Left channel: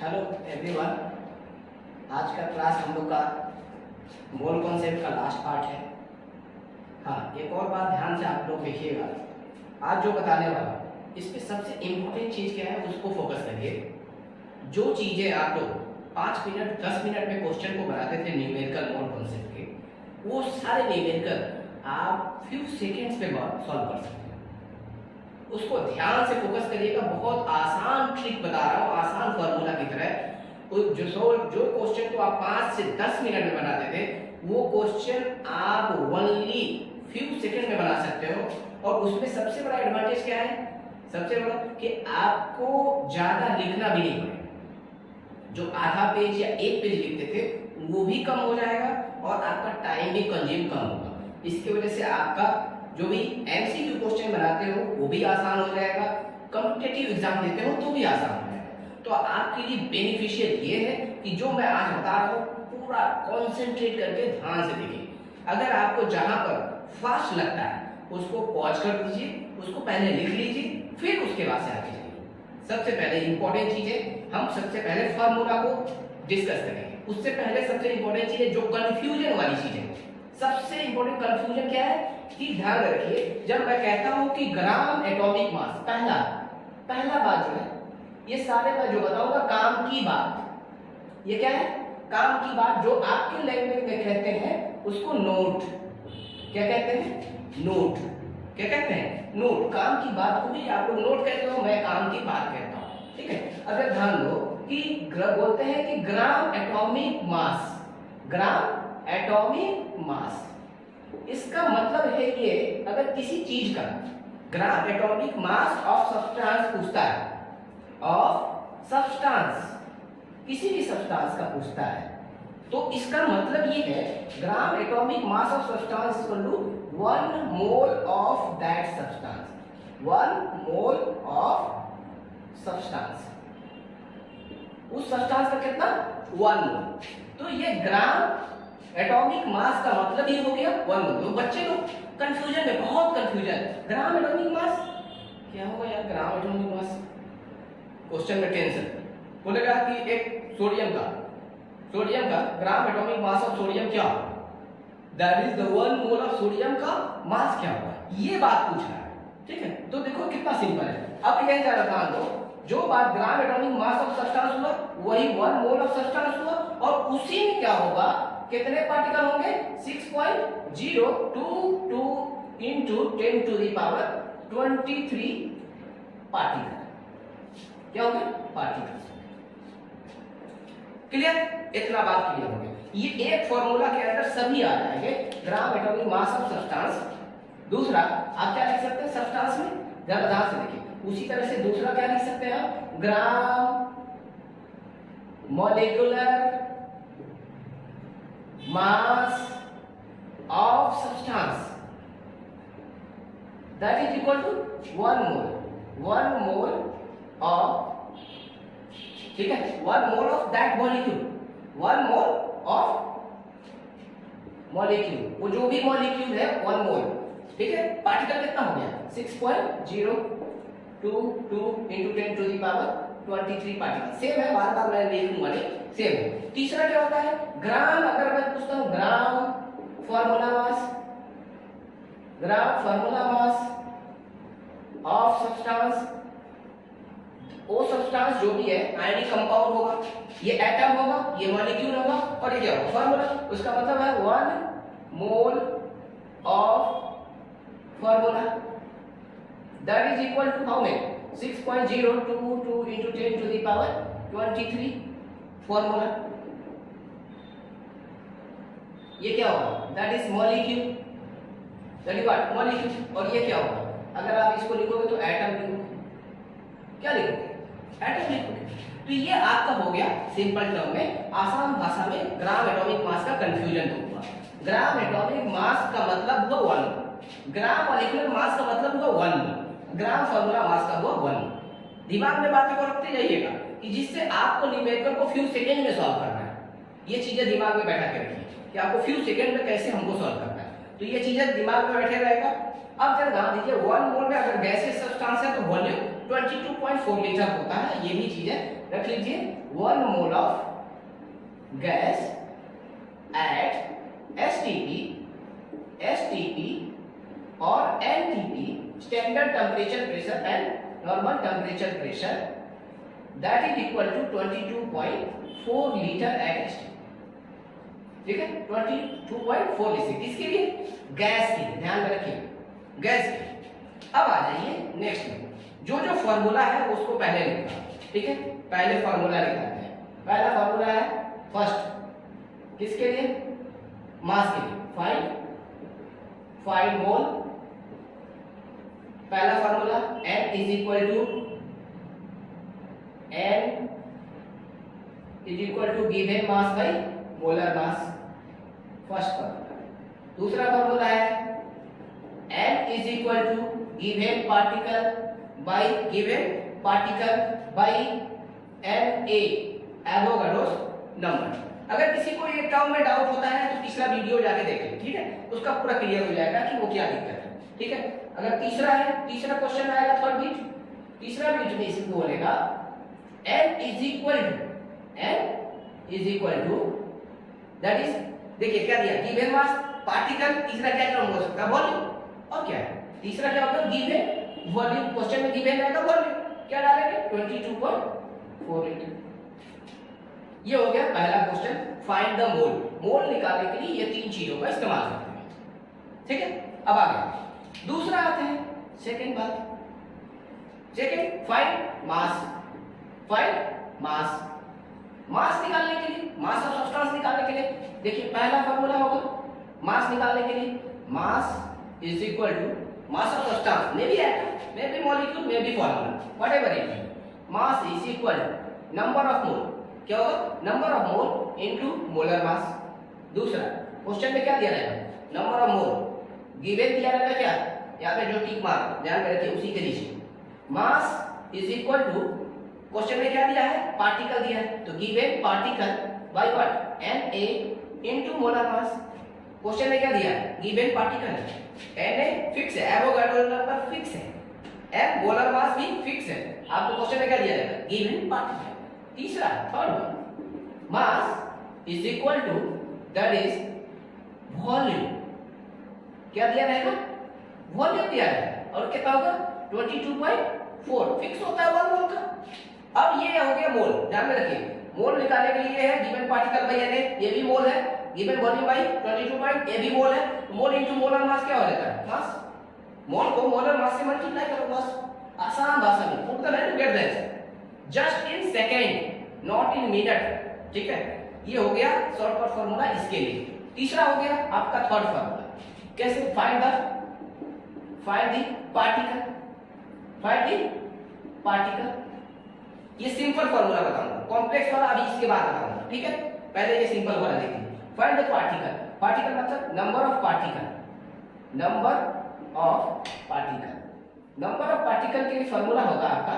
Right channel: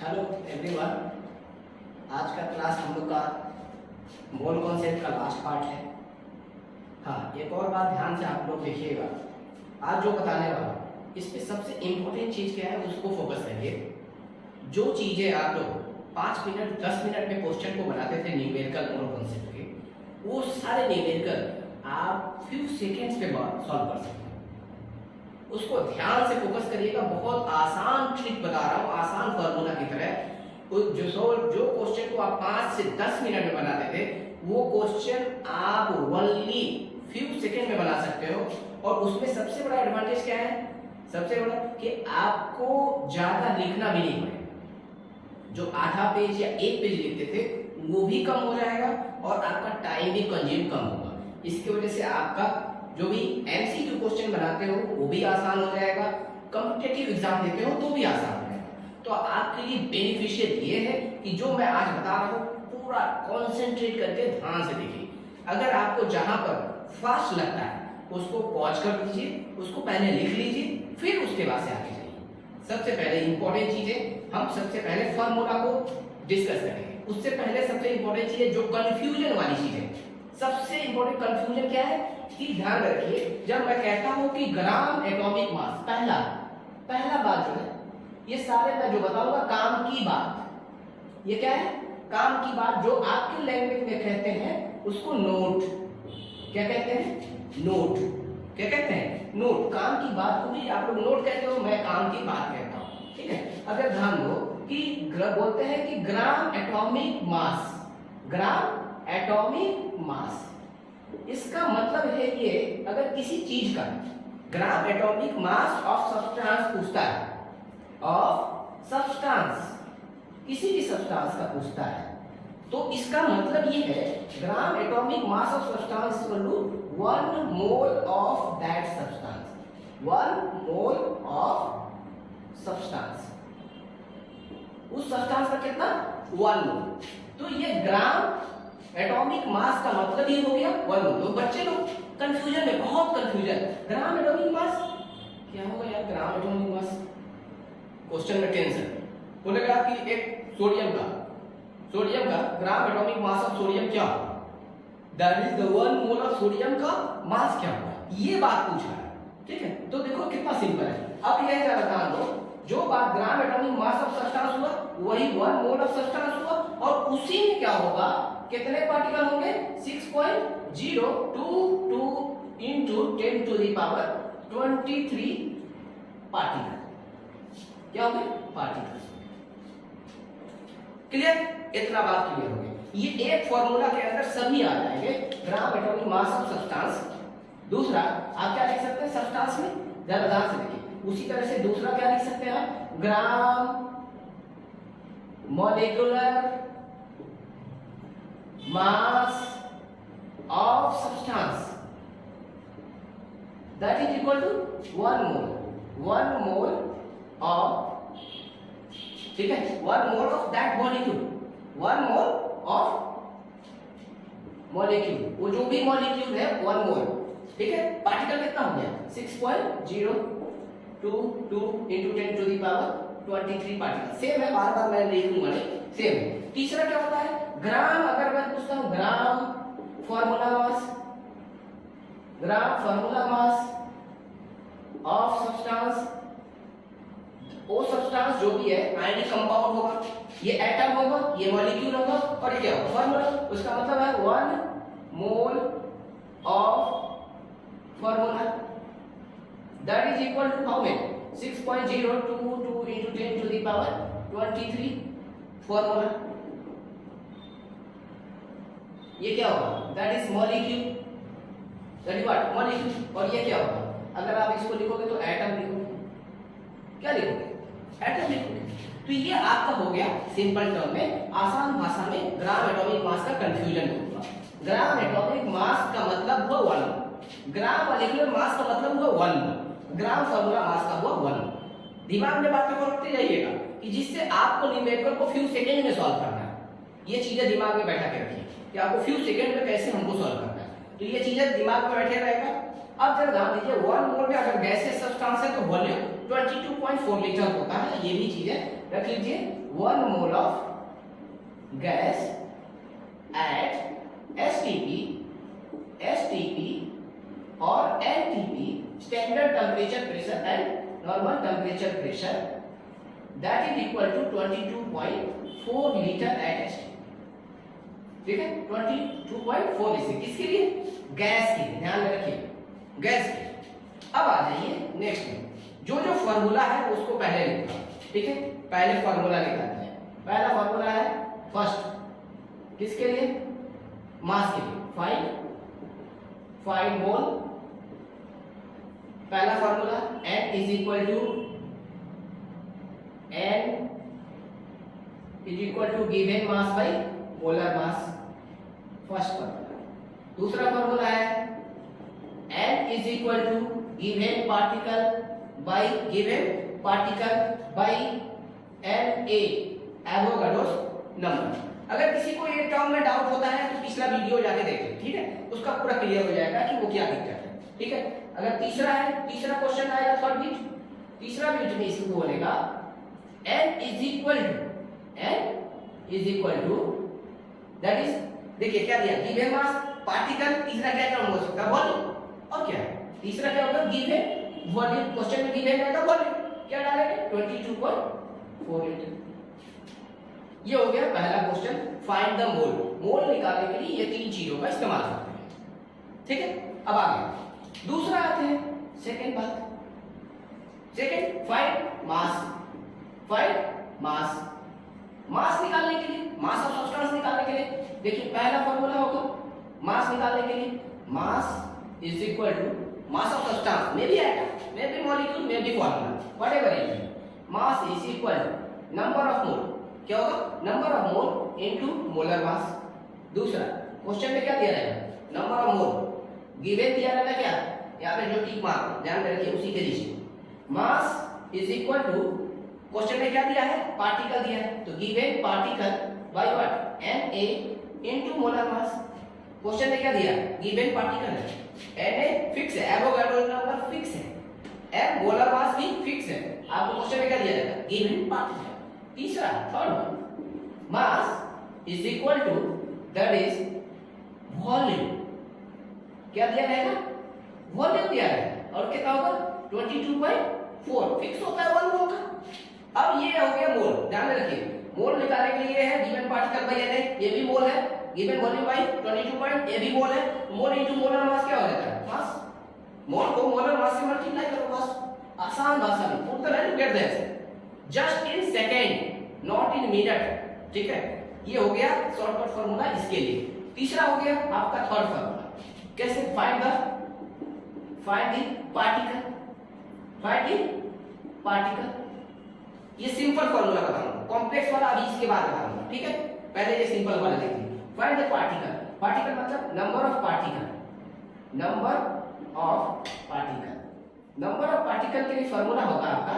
Hello everyone. आज का class हम लोग का मोल कॉन्सेप्ट का लास्ट पार्ट है। हाँ, एक और बात ध्यान से आप लोग देखिएगा। आज जो बताने वाला इस पे सबसे इम्पोर्टेंट चीज़ क्या है उसको फोकस करिए। जो चीज़ें आप लोग 5 मिनट 10 मिनट में क्वेश्चन को बनाते थे न्यूमेरिकल मोल कॉन्सेप्ट के, वो सारे न्यूमेरिकल आप फ्यू सेकेंड्स पे सॉल्व कर सकते हैं। उसको ध्यान से फोकस करिएगा। बहुत आसान ट्रिक बता रहा हूँ, आसान फॉर्मूला की तरह। जो क्वेश्चन को आप 5 से 10 मिनट में बनाते थे वो क्वेश्चन आप ओनली फ्यू सेकंड में बना सकते हो। और उसमें सबसे बड़ा एडवांटेज क्या है? सबसे बड़ा कि आपको ज्यादा लिखना भी नहीं पड़ेगा। जो आधा पेज या एक पेज लिखते थे वो भी कम हो जाएगा और आपका टाइम भी कंज्यूम कम होगा। इसकी वजह से आपका जो भी एमसीक्यू क्वेश्चन बनाते हो वो भी आसान हो जाएगा, कॉम्पिटिटिव एग्जाम देते हो तो भी आसान हो जाएगा। तो आपके लिए बेनिफिशियल ये है कि जो मैं आज बता रहा हूँ पूरा कॉन्सेंट्रेट करके ध्यान से देखिए। अगर आपको जहां पर फास्ट लगता है उसको पॉज कर दीजिए, उसको पहले लिख लीजिए, फिर उसके बाद से आगे जाइए। सबसे पहले इंपॉर्टेंट चीज है, हम सबसे पहले फॉर्मूला को डिस्कस करेंगे। उससे पहले सबसे इंपॉर्टेंट चीज है जो कंफ्यूजन वाली चीज है। सबसे इंपॉर्टेंट कंफ्यूजन क्या है कि ध्यान रखिए, जब मैं कहता हूं कि ग्राम एटॉमिक मास, पहला बात जो है, ये सारे मैं जो बताऊंगा काम की बात। ये क्या है? काम की बात। जो आपके लैंग्वेज में कहते हैं उसको नोट। क्या कहते हैं? नोट। क्या कहते हैं? नोट। काम की बात को भी आप लोग नोट कहते हो, मैं काम की बात कहता हूं। ठीक है। अगर ध्यान दो कि बोलते हैं कि ग्राम एटॉमिक मास, ग्राम एटॉमिक मास, इसका मतलब है ये, अगर किसी चीज का ग्राम एटॉमिक मास ऑफ सब्सटेंस पूछता है, ऑफ सब्सटेंस, किसी भी सब्सटेंस का पूछता है, तो इसका मतलब ये है gram atomic mass of substance equal to 1 mole of that substance. 1 mole of substance, उस सब्सटेंस का कितना? 1 मोल। तो ये ग्राम एटॉमिक मास का मतलब ये हो गया 1 मोल। तो बच्चे लोग कंफ्यूजन में, बहुत कंफ्यूजन, ग्राम एटॉमिक मास क्या होगा यार? ग्राम एटॉमिक मास क्वेश्चन में टेंशन बोलेगा कि एक सोडियम का ग्राम एटॉमिक मास ऑफ सोडियम क्या होगा? That is the 1 mole of sodium का मास क्या होगा? ये बात पूछ रहा है। ठीक है। तो देखो कितना सिंपल है। अब यह जान रहा दो, जो बात ग्राम एटॉमिक मास ऑफ सब्सटेंस हुआ वही 1 मोल ऑफ सब्सटेंस हुआ, और उसी में क्या होगा? कितने पार्टिकल होंगे? 6.022 into 10 to the power 23 particle. क्या हो गए? पार्टिकल। क्लियर? इतना बात क्लियर हो गई। ये एक फॉर्मूला के अंदर सभी आ जाएंगे, ग्राम एटॉमिक मास ऑफ सब्सटेंस। दूसरा आप क्या लिख सकते हैं सब्सटेंस में? जरा ध्यान से देखिए। उसी तरह से दूसरा क्या लिख सकते हैं आप? Gram molecular mass of substance that is equal to 1 mole. 1 mole of, ठीक है, 1 mole of that molecule, 1 mole of molecule, वो जो भी मॉलिक्यूल है 1 मोल। ठीक है। पार्टिकल कितना हो गया? 6.022 into 10 to the power 23 particle. Same है, बार बार मैं लिखूंगा नहीं, सेम है। तीसरा क्या होता है? ग्राम, अगर मैं पूछता हूं gram formula mass of substance, वो सब्सटेंस जो भी है आयनिक कंपाउंड होगा, ये एटम होगा, ये मॉलिक्यूल होगा, और ये क्या होगा? फॉर्मूला। उसका मतलब है 1 mole of formula that is equal to how many? 6.022 into 10 to the power 23 formula. ये क्या होगा? That is molecule, that is what? Molecule. और ये क्या होगा? अगर आप इसको लिखोगे तो एटम लिखोगे। क्या लिखोगे? एटम लिखोगे। तो ये आपका हो गया सिंपल टर्म में, आसान भाषा में ग्राम एटॉमिक मास का कंफ्यूजन होगा। ग्राम एटॉमिक मास का मतलब हुआ 1, ग्राम मॉलिक्यूलर मास का मतलब हुआ 1, ग्राम फॉर्मूला मास का हुआ 1। दिमाग में बातों को रखते जाइएगा कि जिससे आपको न्यूमेरिकल को फ्यू सेकंड में सॉल्व करना है। ये चीजें दिमाग में बैठा के रखिए कि आपको फ्यू सेकंड में कैसे हमको सॉल्व करना है। तो ये चीजें दिमाग में बैठे रहेगा। अब जरा ध्यान दीजिए, 1 मोल में अगर गैसियस सब्सटेंस है तो वॉल्यूम 22.4 लीटर होता है। ये भी चीजें रख लीजिए। 1 mole of gas at STP और NTP, standard temperature pressure and normal temperature pressure, that is equal to 22.4 litre at STP. ठीक है, 22.4 लीटर किसके लिए? गैस के लिए, ध्यान में रखिए, गैस के। अब आ जाइए नेक्स्ट में, जो जो फॉर्मूला है उसको पहले लिखा। ठीक है, पहले फॉर्मूला निकालते हैं। पहला फॉर्मूला है फर्स्ट, किसके लिए? मास के लिए। Five mole. पहला formula n is equal to given mass by molar mass, first formula. दूसरा फॉर्मूला है n is equal to given particle by Na, Avogadro's number. अगर किसी को ये टर्म में डाउट होता है तो पिछला वीडियो जाके देखें, ठीक है, उसका पूरा क्लियर हो जाएगा कि वो क्या दिक्कत है। ठीक है, अगर तीसरा है, तीसरा क्वेश्चन आएगा थर्ड बीट, तीसरा बीट में इसको बोलेगा n is equal to that is, देखिए क्या दिया, गिवन मास, पार्टिकल, तीसरा क्या टर्म हो सकता है? वॉल्यूम। और क्या है तीसरा? क्या होगा? Given volume. क्वेश्चन में गिवन है तो वॉल्यूम क्या डालेंगे? 22.4 लीटर। ये हो गया पहला क्वेश्चन, फाइंड द मोल। मोल निकालने के लिए ये तीन चीजों का इस्तेमाल करते हैं। ठीक है, अब आगे दूसरा आते हैं, सेकंड बात, सेकंड फाइंड मास। मास निकालने के लिए, मास ऑफ सब्सटेंस निकालने के लिए, देखिए पहला फॉर्मूला होगा मास निकालने के लिए, mass is equal to mass of substance, may be atom, may be molecule, may be formula, whatever it is, mass is equal to number of mole. क्या होगा? Number of mole into molar mass. दूसरा question में क्या दिया रहेगा? Number of mole. Given दिया रहेगा क्या? यहाँ पे जो टिक मार्क ध्यान में रखिए, उसी के नीचे mass is equal to, question में क्या दिया है? पार्टिकल दिया है, तो given particle by what? Na into molar mass. Question में क्या दिया है? गिवन पार्टिकल है, Na फिक्स है, एवोगाड्रो नंबर फिक्स है, एम मोलर मास भी फिक्स है। आपको क्वेश्चन में क्या दिया रहेगा? Given particle. तीसरा, third, mass is equal to that is volume. क्या दिया रहेगा? वॉल्यूम दिया है, और कितना होगा? 22.4 फिक्स होता है 1 मोल का। अब ये हो गया मोल, ध्यान में रखिए, मोल निकालने के लिए है गिवन पार्टिकल बाय Na, ये भी मोल है, गिवन वॉल्यूम बाय 22 ये भी मोल है, मोल इनटू मोलर मास क्या हो जाता है? मास। मोल को मोलर मास से मल्टीप्लाई करो, बस आसान भाषा में, put the value, get the answer just in second, not in minute. ठीक है, ये हो गया शॉर्टकट फॉर्मूला इसके लिए। तीसरा हो गया आपका थर्ड फॉर्मूला, कैसे? Find the particle. ये सिंपल फॉर्मूला बताऊंगा, कॉम्प्लेक्स वाला अभी इसके बाद बताऊंगा। ठीक है, पहले ये सिंपल वाला देखिए। फाइंड द पार्टिकल मतलब नंबर ऑफ पार्टिकल के लिए फॉर्मूला होगा आपका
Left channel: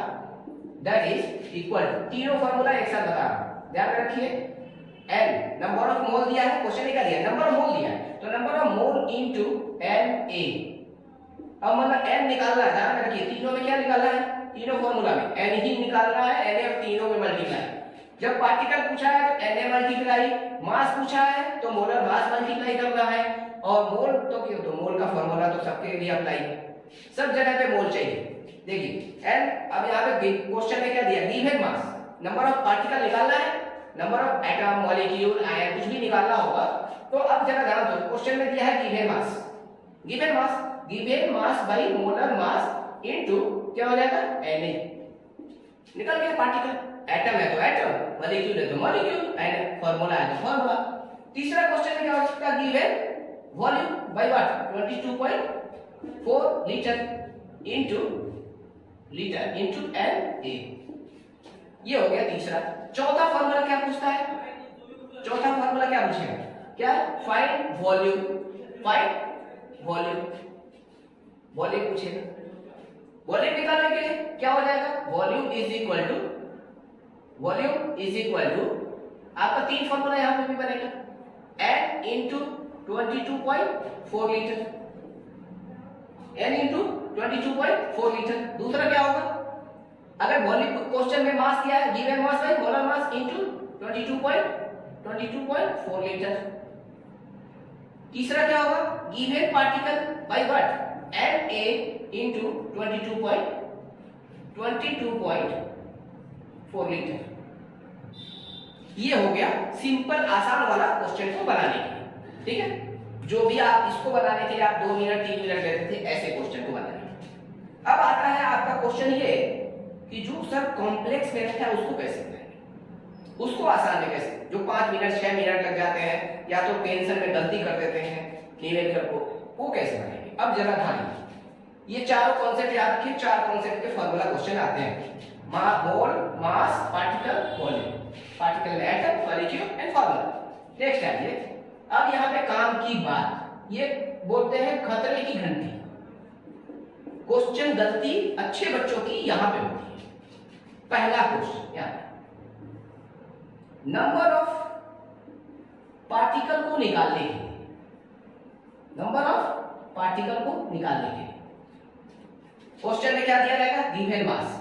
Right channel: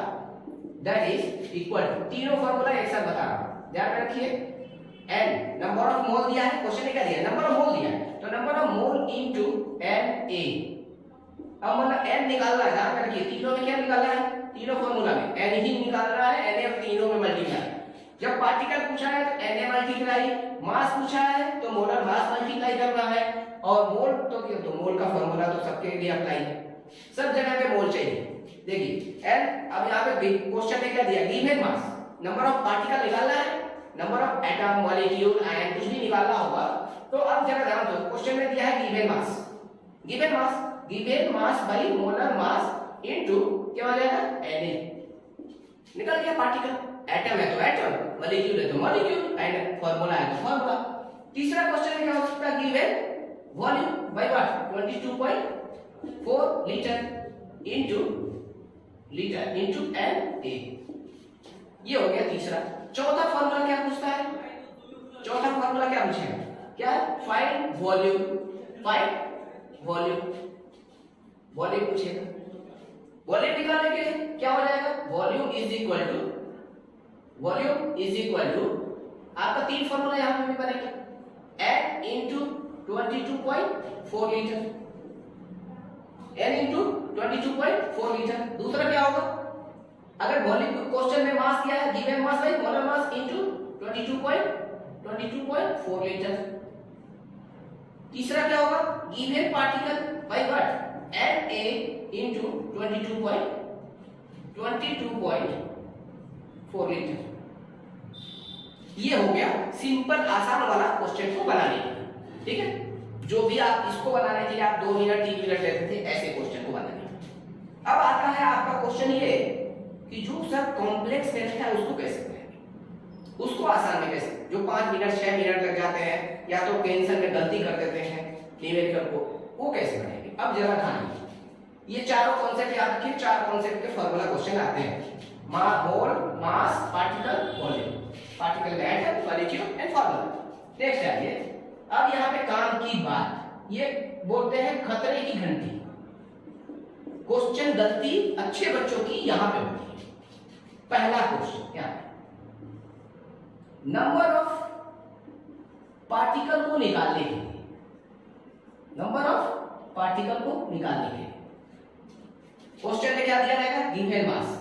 दैट इज इक्वल टू, तीनों फॉर्मूला एक साथ बता रहा हूं, ध्यान रखिए। n नंबर ऑफ मोल दिया है, क्वेश्चन में क्या दिया है? नंबर ऑफ मोल दिया है, तो number of mole into Na। अब मतलब n निकालना है, ध्यान रखिए, तीनों में क्या निकालना है? तीनों फॉर्मूला में n ही निकालना है, Na तीनों में मल्टीप्लाई। जब पार्टिकल पूछा है तो Na मल्टीप्लाई, मास पूछा है तो मोलर मास मल्टीप्लाई कर रहा है, और मोल तो क्यों? तो मोल का फॉर्मूला तो सबके लिए अप्लाई है, सब जगह पे मोल चाहिए। देखिए n, अब यहाँ पे क्वेश्चन में क्या दिया? Given mass, number of particle निकालना है, number of atom, molecule, ion कुछ भी निकालना होगा। तो अब जरा ध्यान दो, क्वेश्चन में दिया है given mass by molar mass into क्या हो जाएगा? Na। निकल गया पार्टिकल, एटम है तो एटम, मॉलिक्यूल है तो मॉलिक्यूल, आयन फॉर्मूला है तो फॉर्मूला। तीसरा क्वेश्चन में क्या हो सकता है? Given volume by what? 22.4 litre into Na। ये हो गया तीसरा। चौथा फॉर्मूला क्या पूछता है? चौथा फॉर्मूला क्या पूछेगा? क्या? फाइंड वॉल्यूम पूछेगा। वॉल्यूम निकालने के लिए क्या हो जाएगा? वॉल्यूम इज इक्वल टू आपका तीन फॉर्मूला यहां पे भी बनेगा, n into 22.4 litre, n into 22.4 litre. दूसरा क्या होगा? अगर वॉल्यूम क्वेश्चन में मास क्या है, given mass by molar mass into 22.4 litre. तीसरा क्या होगा, given particle by what, Na into 22.4 litre. ये हो गया सिंपल आसान वाला क्वेश्चन को बनाने के लिए, ठीक है। जो भी आप इसको बनाने के लिए आप 2 मिनट 3 मिनट लेते थे, ऐसे क्वेश्चन को बनाने। अब आता है आपका क्वेश्चन ये कि जो सर कॉम्प्लेक्स मेथड है उसको कैसे बनाएंगे, उसको आसान में कैसे, जो 5 मिनट 6 मिनट लग जाते हैं या तो टेंशन में गलती कर देते हैं न्यूमेरिकल को, वो कैसे बनाएंगे। अब जरा ध्यान, ये चारों कॉन्सेप्ट याद रखिए, 4 कॉन्सेप्ट के फार्मूला क्वेश्चन आते हैं, मोल, मास, पार्टिकल, वॉल्यूम, पार्टिकल में atom, molecule and formula. Next आइए, अब यहाँ पे काम की बात, ये बोलते हैं खतरे की घंटी। क्वेश्चन गलती अच्छे बच्चों की यहां पे होती है। पहला क्वेश्चन क्या, नंबर ऑफ पार्टिकल को निकालने के लिए, नंबर ऑफ पार्टिकल को निकालने के लिए क्वेश्चन में क्या दिया रहेगा, given mass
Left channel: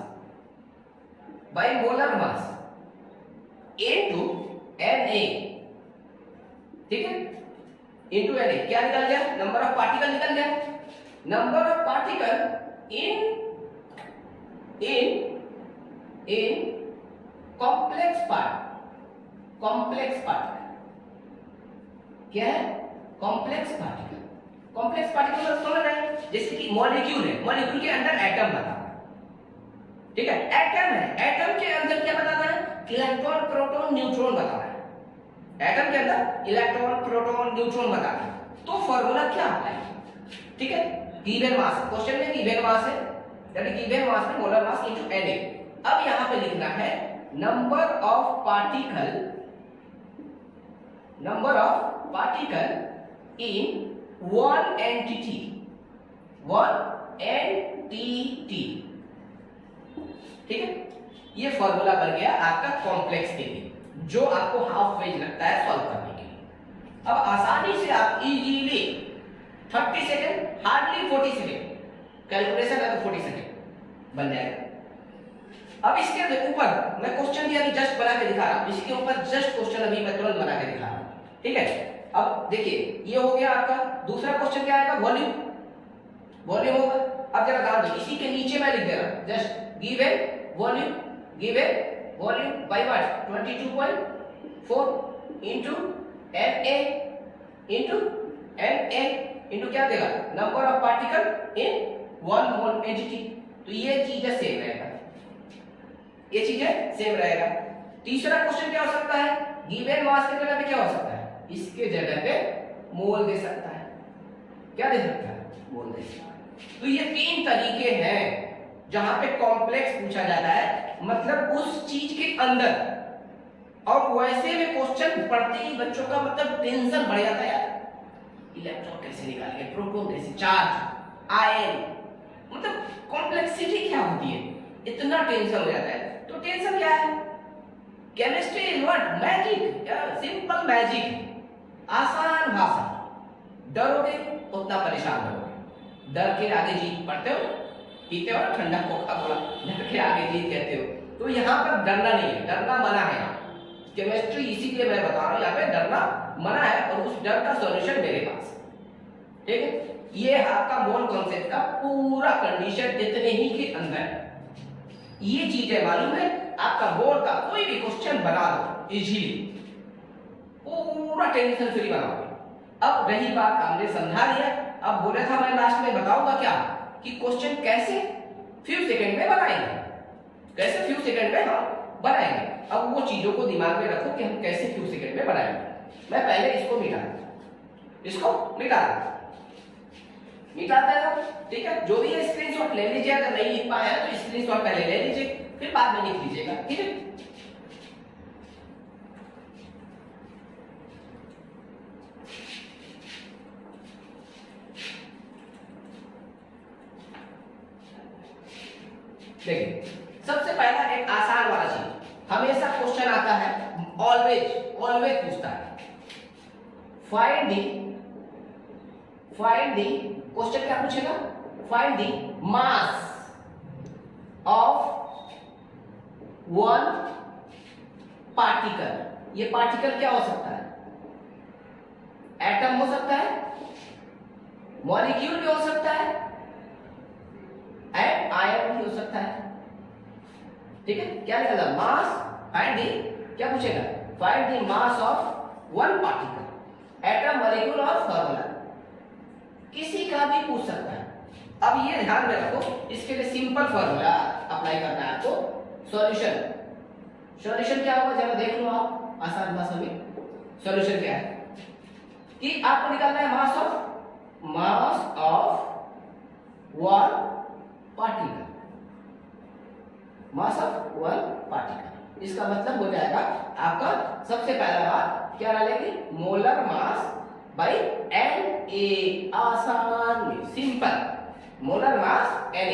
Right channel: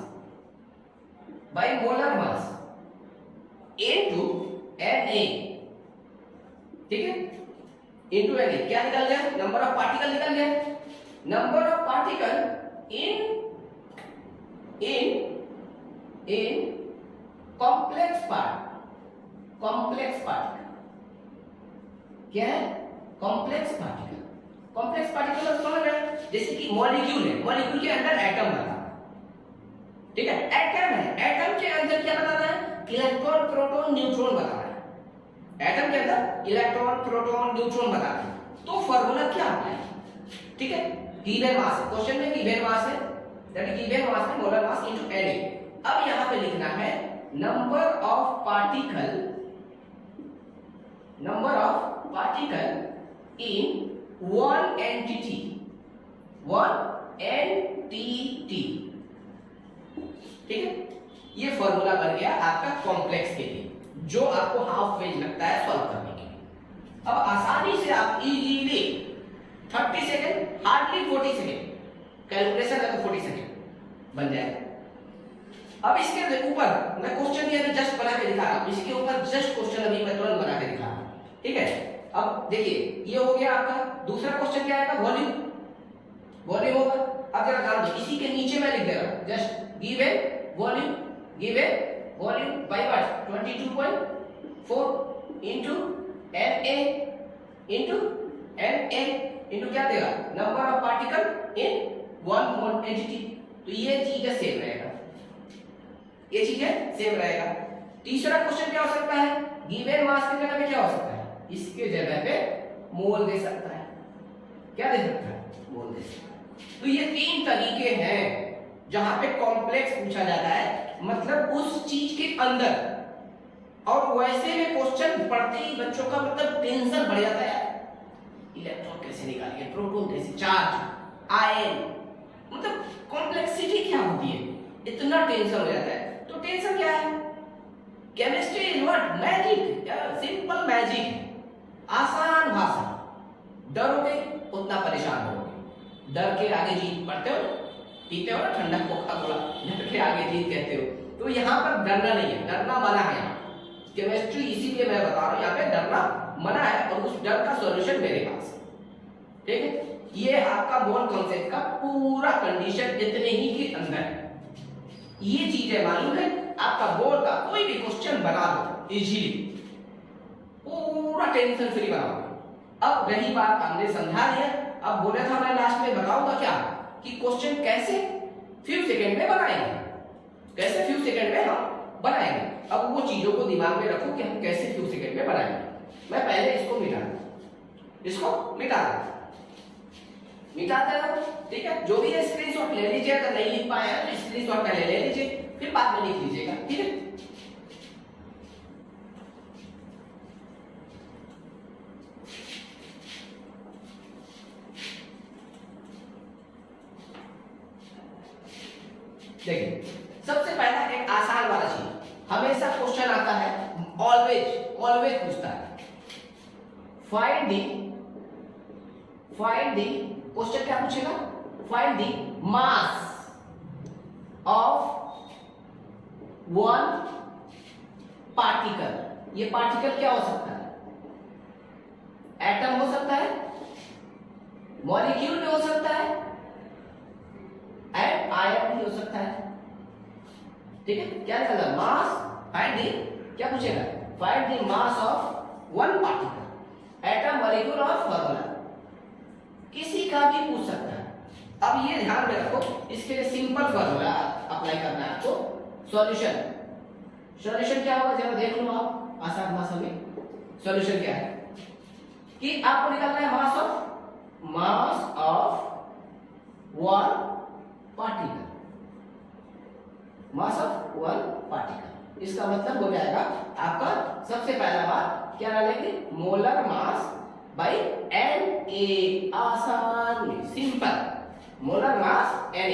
by molar mass into Na, ठीक है, इनटू Na। क्या निकल गया, नंबर ऑफ पार्टिकल निकल गया, number of particle in complex particle क्या है, कॉम्प्लेक्स पार्टिकल। कॉम्प्लेक्स पार्टिकल समझ रहे हैं, जैसे कि मॉलिक्यूल है, मॉलिक्यूल के अंदर एटम बताना है, ठीक है, एटम है, एटम के अंदर क्या बताना है, इलेक्ट्रॉन प्रोटॉन न्यूट्रॉन बताना है, एटम के अंदर इलेक्ट्रॉन प्रोटॉन न्यूट्रॉन बताना है। तो फॉर्मूला क्या अप्लाई, ठीक है, गिवन मास, क्वेश्चन में गिवन मास है, दैट इज गिवन मास है मोलर मास इनटू Na। अब यहां पे लिखना है number of particle in one entity, ठीक है। ये फॉर्मूला बन गया आपका कॉम्प्लेक्स के लिए, जो आपको हाफ पेज लगता है सॉल्व करने के लिए। अब आसानी से आप easily 30 second, hardly 40 second, calculation है तो 40 सेकेंड बन जाएगा। अब इसके ऊपर मैं क्वेश्चन यानी जस्ट बना के दिखा रहा हूं, इसके ऊपर जस्ट क्वेश्चन अभी मैं तुरंत बना के दिखा रहा हूं, ठीक है। अब देखिए ये हो गया आपका, दूसरा क्वेश्चन क्या आएगा, वॉल्यूम, वॉल्यूम होगा। अब जरा ध्यान दो, इसी के नीचे मैं लिख दे रहा हूं, just given volume by what 22.4 into Na into क्या देगा, number of particle in one mole entity. तो ये चीजें सेम रहेगा, ये चीजें सेम रहेगा। तीसरा क्वेश्चन क्या हो सकता है, गिवन मास की जगह पे क्या हो सकता है, इसके जगह पे मोल दे सकता है, क्या दे सकता है, मोल दे सकता है। तो ये 3 तरीके हैं जहां पे कॉम्प्लेक्स पूछा जाता है, मतलब उस चीज के अंदर। और वैसे में क्वेश्चन पढ़ते ही बच्चों का मतलब टेंशन बढ़ जाता है, यार इलेक्ट्रॉन कैसे निकालेंगे, प्रोटॉन कैसे, चार्ज, आयन, मतलब कॉम्प्लेक्सिटी क्या होती है, इतना टेंशन हो जाता है। तो टेंशन क्या है, chemistry is what, magic, simple magic, आसान भाषा। डरोगे उतना परेशान होगे, डर के आगे जीत, पढ़ते हो पीते हो ठंडा कोका कोला, डर के आगे जीत कहते हो। तो यहाँ पर डरना नहीं है, डरना मना है। केमिस्ट्री इसीलिए मैं बता रहा हूं, यहाँ पे डरना मना है, और उस डर का सॉल्यूशन मेरे पास, ठीक है। ये आपका मोल कॉन्सेप्ट का पूरा कंडीशन इतने ही के अंदर है। ये चीजें मालूम है, आपका बोर्ड का कोई भी क्वेश्चन बना दो इजीली, पूरा टेंशन फ्री बनाओगे। अब रही बात, हमने समझा दिया, अब बोला था मैं लास्ट में बताऊंगा क्या, कि क्वेश्चन कैसे फ्यू सेकंड में बनाएंगे, कैसे फ्यू सेकंड में हम बनाएंगे। अब वो चीजों को दिमाग में रखो कि हम कैसे फ्यू सेकंड में बनाएंगे। मैं पहले इसको मिटाते हैं, ठीक है। जो भी है स्क्रीनशॉट ले लीजिए, अगर नहीं लिख पाया तो स्क्रीनशॉट पहले ले लीजिए, फिर बाद में लिख लीजिएगा, ठीक है। देखिए सबसे पहला एक आसान वाला चीज, हमेशा क्वेश्चन आता है, ऑलवेज पूछता है, फाइंड द क्वेश्चन क्या पूछेगा, find the mass of one particle. ये पार्टिकल क्या हो सकता है? एटम हो सकता है, मॉलिक्यूल भी हो सकता है, एंड आयन भी हो सकता है। ठीक है, क्या निकल रहा? मास फाइंड द, क्या पूछेगा? Find the mass of one particle, atom, molecule और फॉर्मूला, किसी का भी पूछ सकता है। अब ये ध्यान में रखो, इसके लिए सिंपल फॉर्मूला अप्लाई करना है आपको। सॉल्यूशन, सॉल्यूशन क्या होगा जरा देख लो आप आसान भाषा में। सॉल्यूशन क्या है कि आपको निकालना है मास of one particle, mass of one particle. इसका मतलब हो जाएगा आपका सबसे पहला बात क्या डालेंगे? Molar mass by Na। आसान में simple, molar mass Na।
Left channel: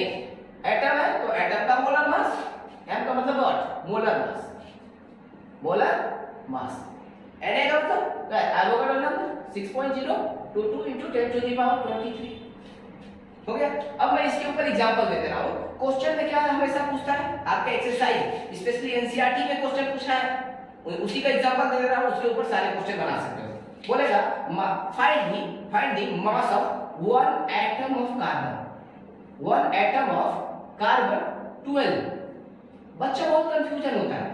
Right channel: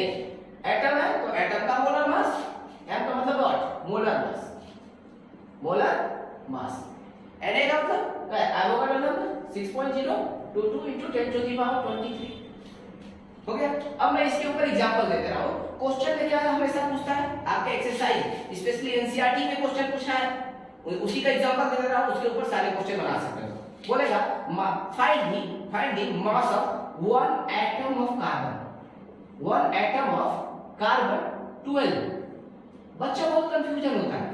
Atom है तो एटम का मोलर मास, एम का मतलब what? Molar mass, molar mass. Na का मतलब एवोगाड्रो नंबर 6.022 × 10⁻23 हो गया। अब मैं इसके ऊपर एग्जांपल दे रहा हूं। क्वेश्चन में क्या हमेशा पूछता है आपके एक्सरसाइज, स्पेशली एनसीईआरटी में क्वेश्चन पूछा है, उसी का एग्जांपल दे रहा हूं, उसके ऊपर सारे क्वेश्चन बना सकते हो। बोलेगा find the mass of one atom of carbon, one atom of carbon 12। बच्चा बहुत कंफ्यूजन होता है,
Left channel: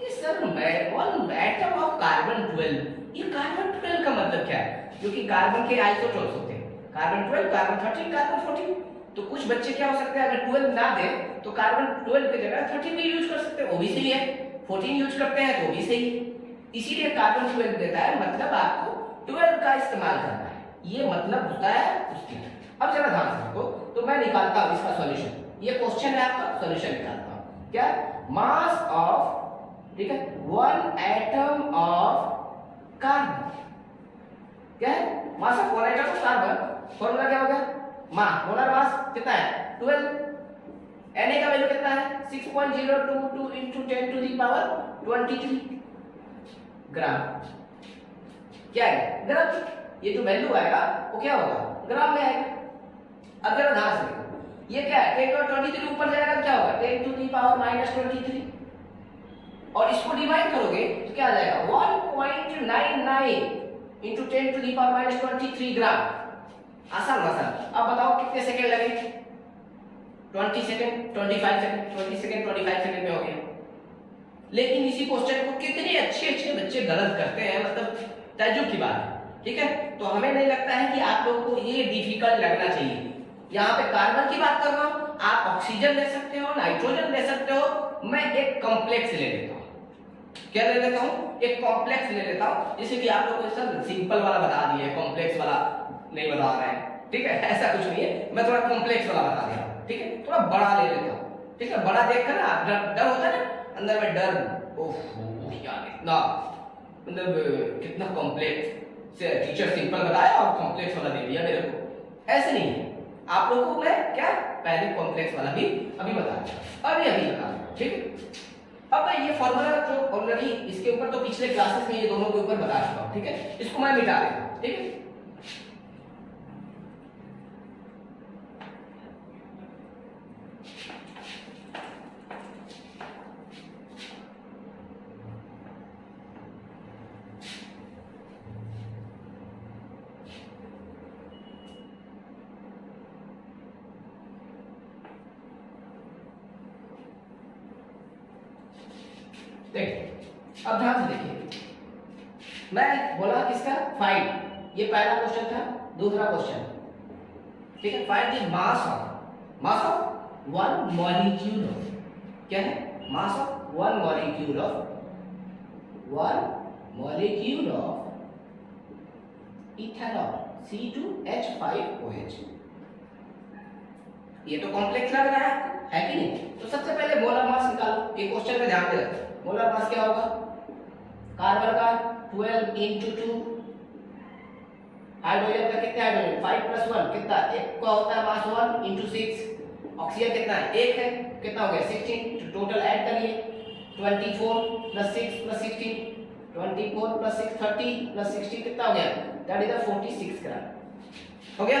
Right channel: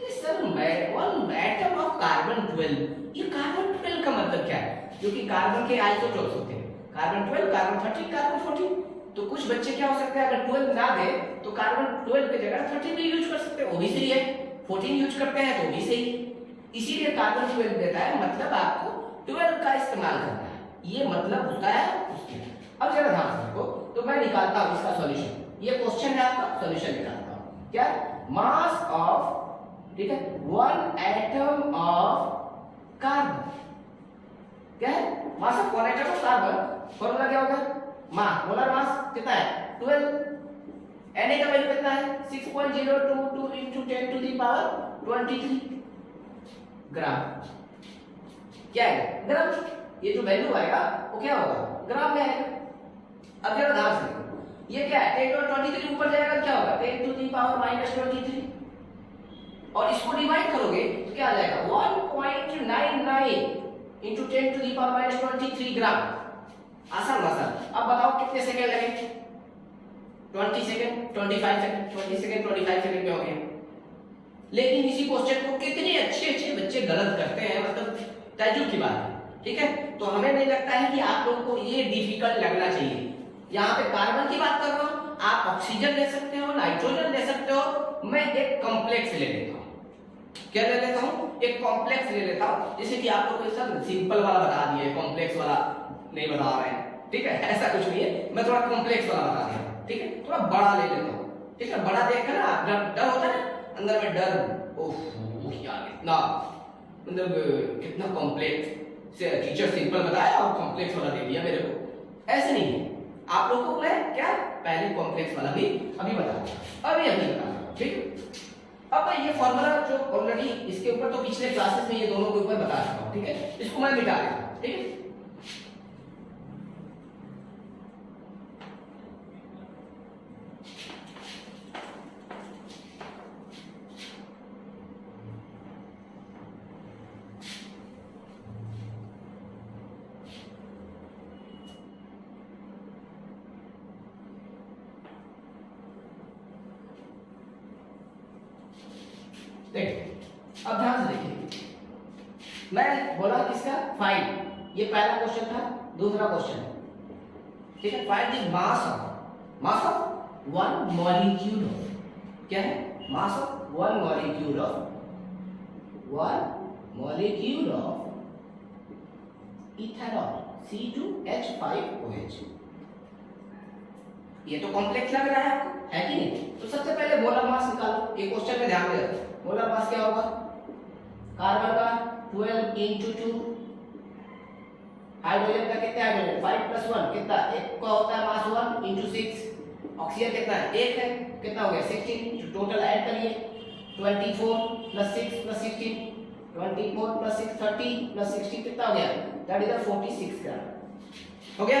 ये sir one atom of carbon 12, ये कार्बन 12 का मतलब क्या है? क्योंकि कार्बन के आइसोटोप्स होते हैं, कार्बन 12, कार्बन 13, कार्बन 14। तो कुछ बच्चे क्या हो सकते हैं, अगर 12 ना दे तो कार्बन 12 की जगह 13 भी यूज कर सकते हैं, वो भी सही है। 14 यूज करते हैं तो भी सही है। इसीलिए कार्बन 12 देता है, मतलब आपको 12 का इस्तेमाल करना है, ये मतलब होता है उसके। अब जरा ध्यान से देखो, तो मैं निकालता हूं इसका सॉल्यूशन। ये क्वेश्चन है आपका, सॉल्यूशन निकालता हूं। क्या? मास ऑफ, ठीक है, वन एटम ऑफ कार्बन। क्या है? मास of one atom of carbon. Formula क्या होगा? मोलर मास कितना है? 12। Na का वैल्यू कितना है? 6.022 × 10⁻23 ग्राम। क्या है? ग्राम। ये जो वैल्यू आएगा वो क्या होगा? ग्राम में आएगा। अब जरा ध्यान से देखो, ये क्या है? 10⁻23 ऊपर जाएगा क्या होगा? 10⁻23। और इसको डिवाइड करोगे तो क्या आ जाएगा? 1.99 × 10⁻23 ग्राम। आसान आसान। अब बताओ कितने सेकंड लगे? 20 सेकंड, 25 सेकंड, 20 सेकंड, 25 सेकंड में हो गया। लेकिन इसी क्वेश्चन को कितने अच्छे बच्चे गलत करते हैं, मतलब ताज्जुब की बात है। ठीक है, तो हमें नहीं लगता है कि आप लोगों को ये डिफिकल्ट लगना चाहिए। यहाँ पे कार्बन की बात कर रहा हूं, आप ऑक्सीजन ले सकते हो, नाइट्रोजन ले सकते हो। मैं एक कॉम्प्लेक्स ले लेता हूँ। क्या ले लेता हूँ? एक कॉम्प्लेक्स ले लेता हूँ, जैसे कि आप लोगों को सर सिंपल वाला बता दिए, कॉम्प्लेक्स वाला नहीं बता रहे हैं। ठीक है, ऐसा कुछ नहीं है, मैं थोड़ा कॉम्प्लेक्स वाला बता दिया। ठीक है, थोड़ा बड़ा ले लेता हूँ। ठीक है, बड़ा देख कर ना डर होता है ना अंदर में, डर, ओह यार इतना मतलब कितना कॉम्प्लेक्स से टीचर सिंपल बताया और कॉम्प्लेक्स वाला दे दिया मेरे को। ऐसे नहीं है, आप लोगों को मैं क्या पहले कॉम्प्लेक्स वाला भी अभी बता दूंगा, अभी बता दूंगा। ठीक है, अब ये फॉर्मूला जो ऑलरेडी इसके ऊपर तो पिछले क्लासेस में ये दोनों के ऊपर बता चुका हूं। ठीक है, इसको मैं मिटा देता। ठीक है, देखिए अब ध्यान से देखिए, मैं बोला किसका? फाइंड, ये पहला क्वेश्चन था। दूसरा क्वेश्चन, ठीक है, find the mass of one molecule of, क्या है? मास of one molecule of ethanol C2H5OH। ये तो कॉम्प्लेक्स लग रहा है कि नहीं? तो सबसे पहले मोलर मास निकालो। ये क्वेश्चन में ध्यान में रखो, मोलर मास क्या होगा? कार्बन का 12 × 2, हाइड्रोजन का कितना हाइड्रोजन? 5 + 1 कितना? एक का होता है मास 1 × 6। ऑक्सीजन कितना है? 1 है, कितना हो गया? 16। टोटल ऐड करिए, 24 + 6 + 16, 24 + 6 30 + 16 कितना हो गया? दैट इज 46 ग्राम। हो गया।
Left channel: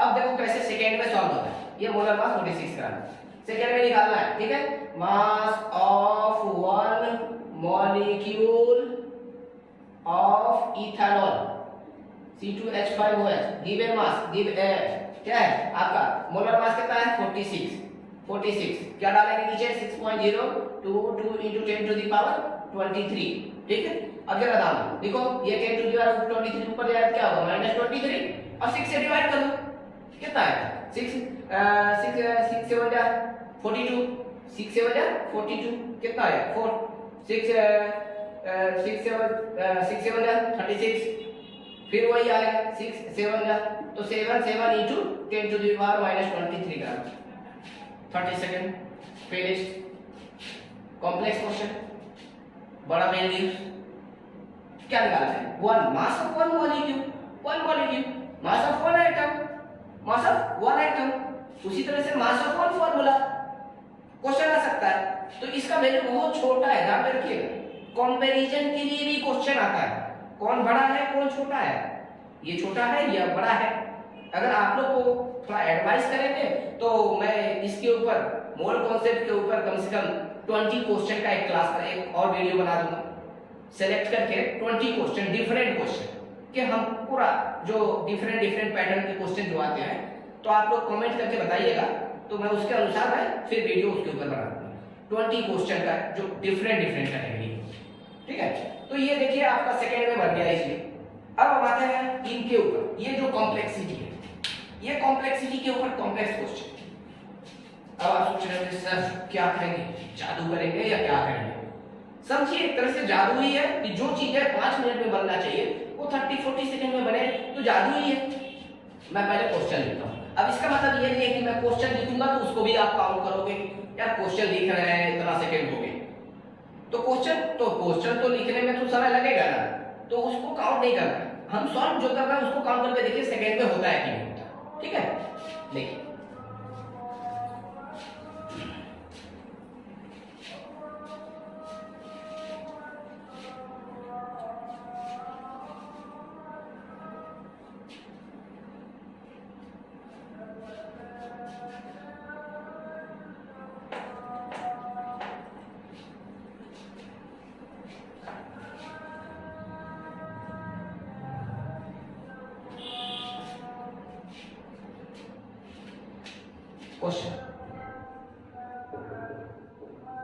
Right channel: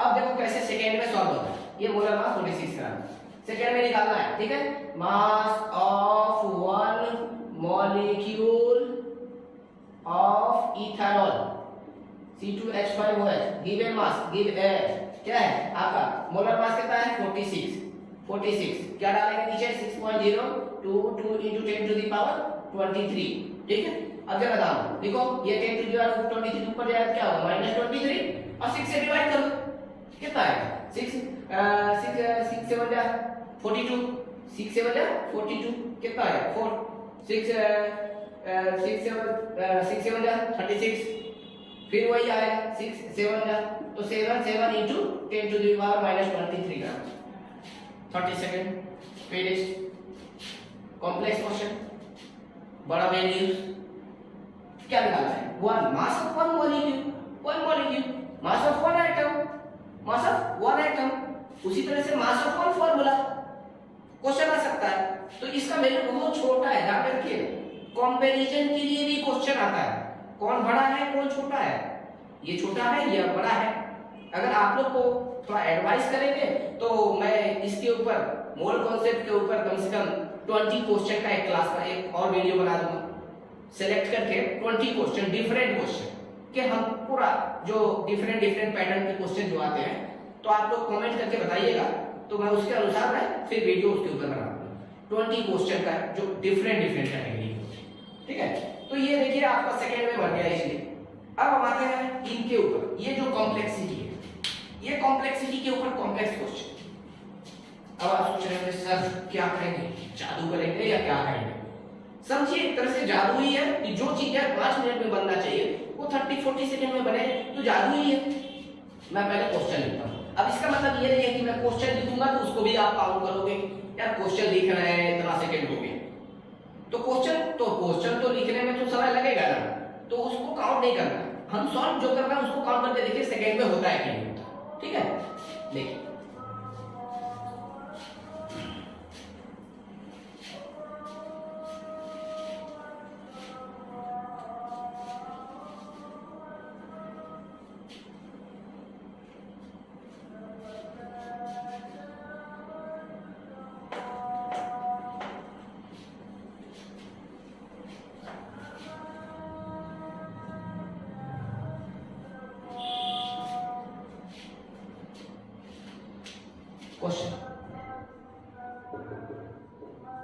अब देखो कैसे सेकेंड में सॉल्व होता है। ये मोलर मास 46 ग्राम सेकेंड में निकालना है। ठीक है, मास of one molecule of ethanol C2H5OH given mass क्या है आपका मोलर मास कितना है 46 क्या डालेंगे नीचे 6.0 2 into 10 to the power 23 ठीक है। अब जरा दाम देखो ये 10 to the power 23 ऊपर जाएगा क्या होगा -23 और 6 से डिवाइड कर दो कितना है 6 6 7 जा 42 6 7 जा 42 कितना है 4 6 7 जा 36 फिर वही आएगा 6 7 जा तो 7 into 10 to the power -23 gram 30 second finished. Complex question बड़ा वैल्यूज क्या निकालना है one mass of one molecule mass of one atom उसी तरह से mass of one formula question आ सकता है। तो इसका वैल्यू बहुत छोटा है ध्यान में रखिएगा। कंपैरिजन के लिए भी क्वेश्चन आता है कौन बड़ा है कौन छोटा है, ये छोटा है या बड़ा है। अगर आप लोग को थोड़ा एडवाइस करेंगे तो मैं इसके ऊपर मोल कॉन्सेप्ट के ऊपर कम से कम 20 क्वेश्चन का एक क्लास पर एक और वीडियो बना दूंगा सेलेक्ट करके 20 क्वेश्चन डिफरेंट क्वेश्चन कि हम पूरा जो डिफरेंट पैटर्न के क्वेश्चन जो आते हैं तो आप लोग कमेंट करके बताइएगा तो मैं उसके अनुसार मैं फिर वीडियो उसके ऊपर बना दूंगा 20 क्वेश्चन का जो डिफरेंट कैटेगरी ठीक है। तो ये देखिए आपका सेकंड में बन गया इसलिए। अब हम आते हैं इनके ऊपर ये जो कॉम्प्लेक्सिटी है ये कॉम्प्लेक्सिटी के ऊपर कॉम्प्लेक्स क्वेश्चन। अब आप सोच रहे हैं सर क्या करेंगे जादू करेंगे या क्या करेंगे। समझिए एक तरह से जादू ही है कि जो चीज है 5 मिनट में बनना चाहिए वो 30-40 सेकंड में बने तो जादू ही है। मैं पहले क्वेश्चन लिखता हूँ। अब इसका मतलब ये नहीं है कि मैं क्वेश्चन लिखूंगा तो उसको भी आप काउंट करोगे यार क्वेश्चन लिख रहे हैं इतना सेकंड हो गए तो क्वेश्चन तो लिखने में तो समय लगेगा ना तो उसको काउंट नहीं करना। हम सॉल्व जो कर रहे हैं उसको काउंट करके देखिए सेकंड में होता है कि नहीं होता। ठीक है देखिए question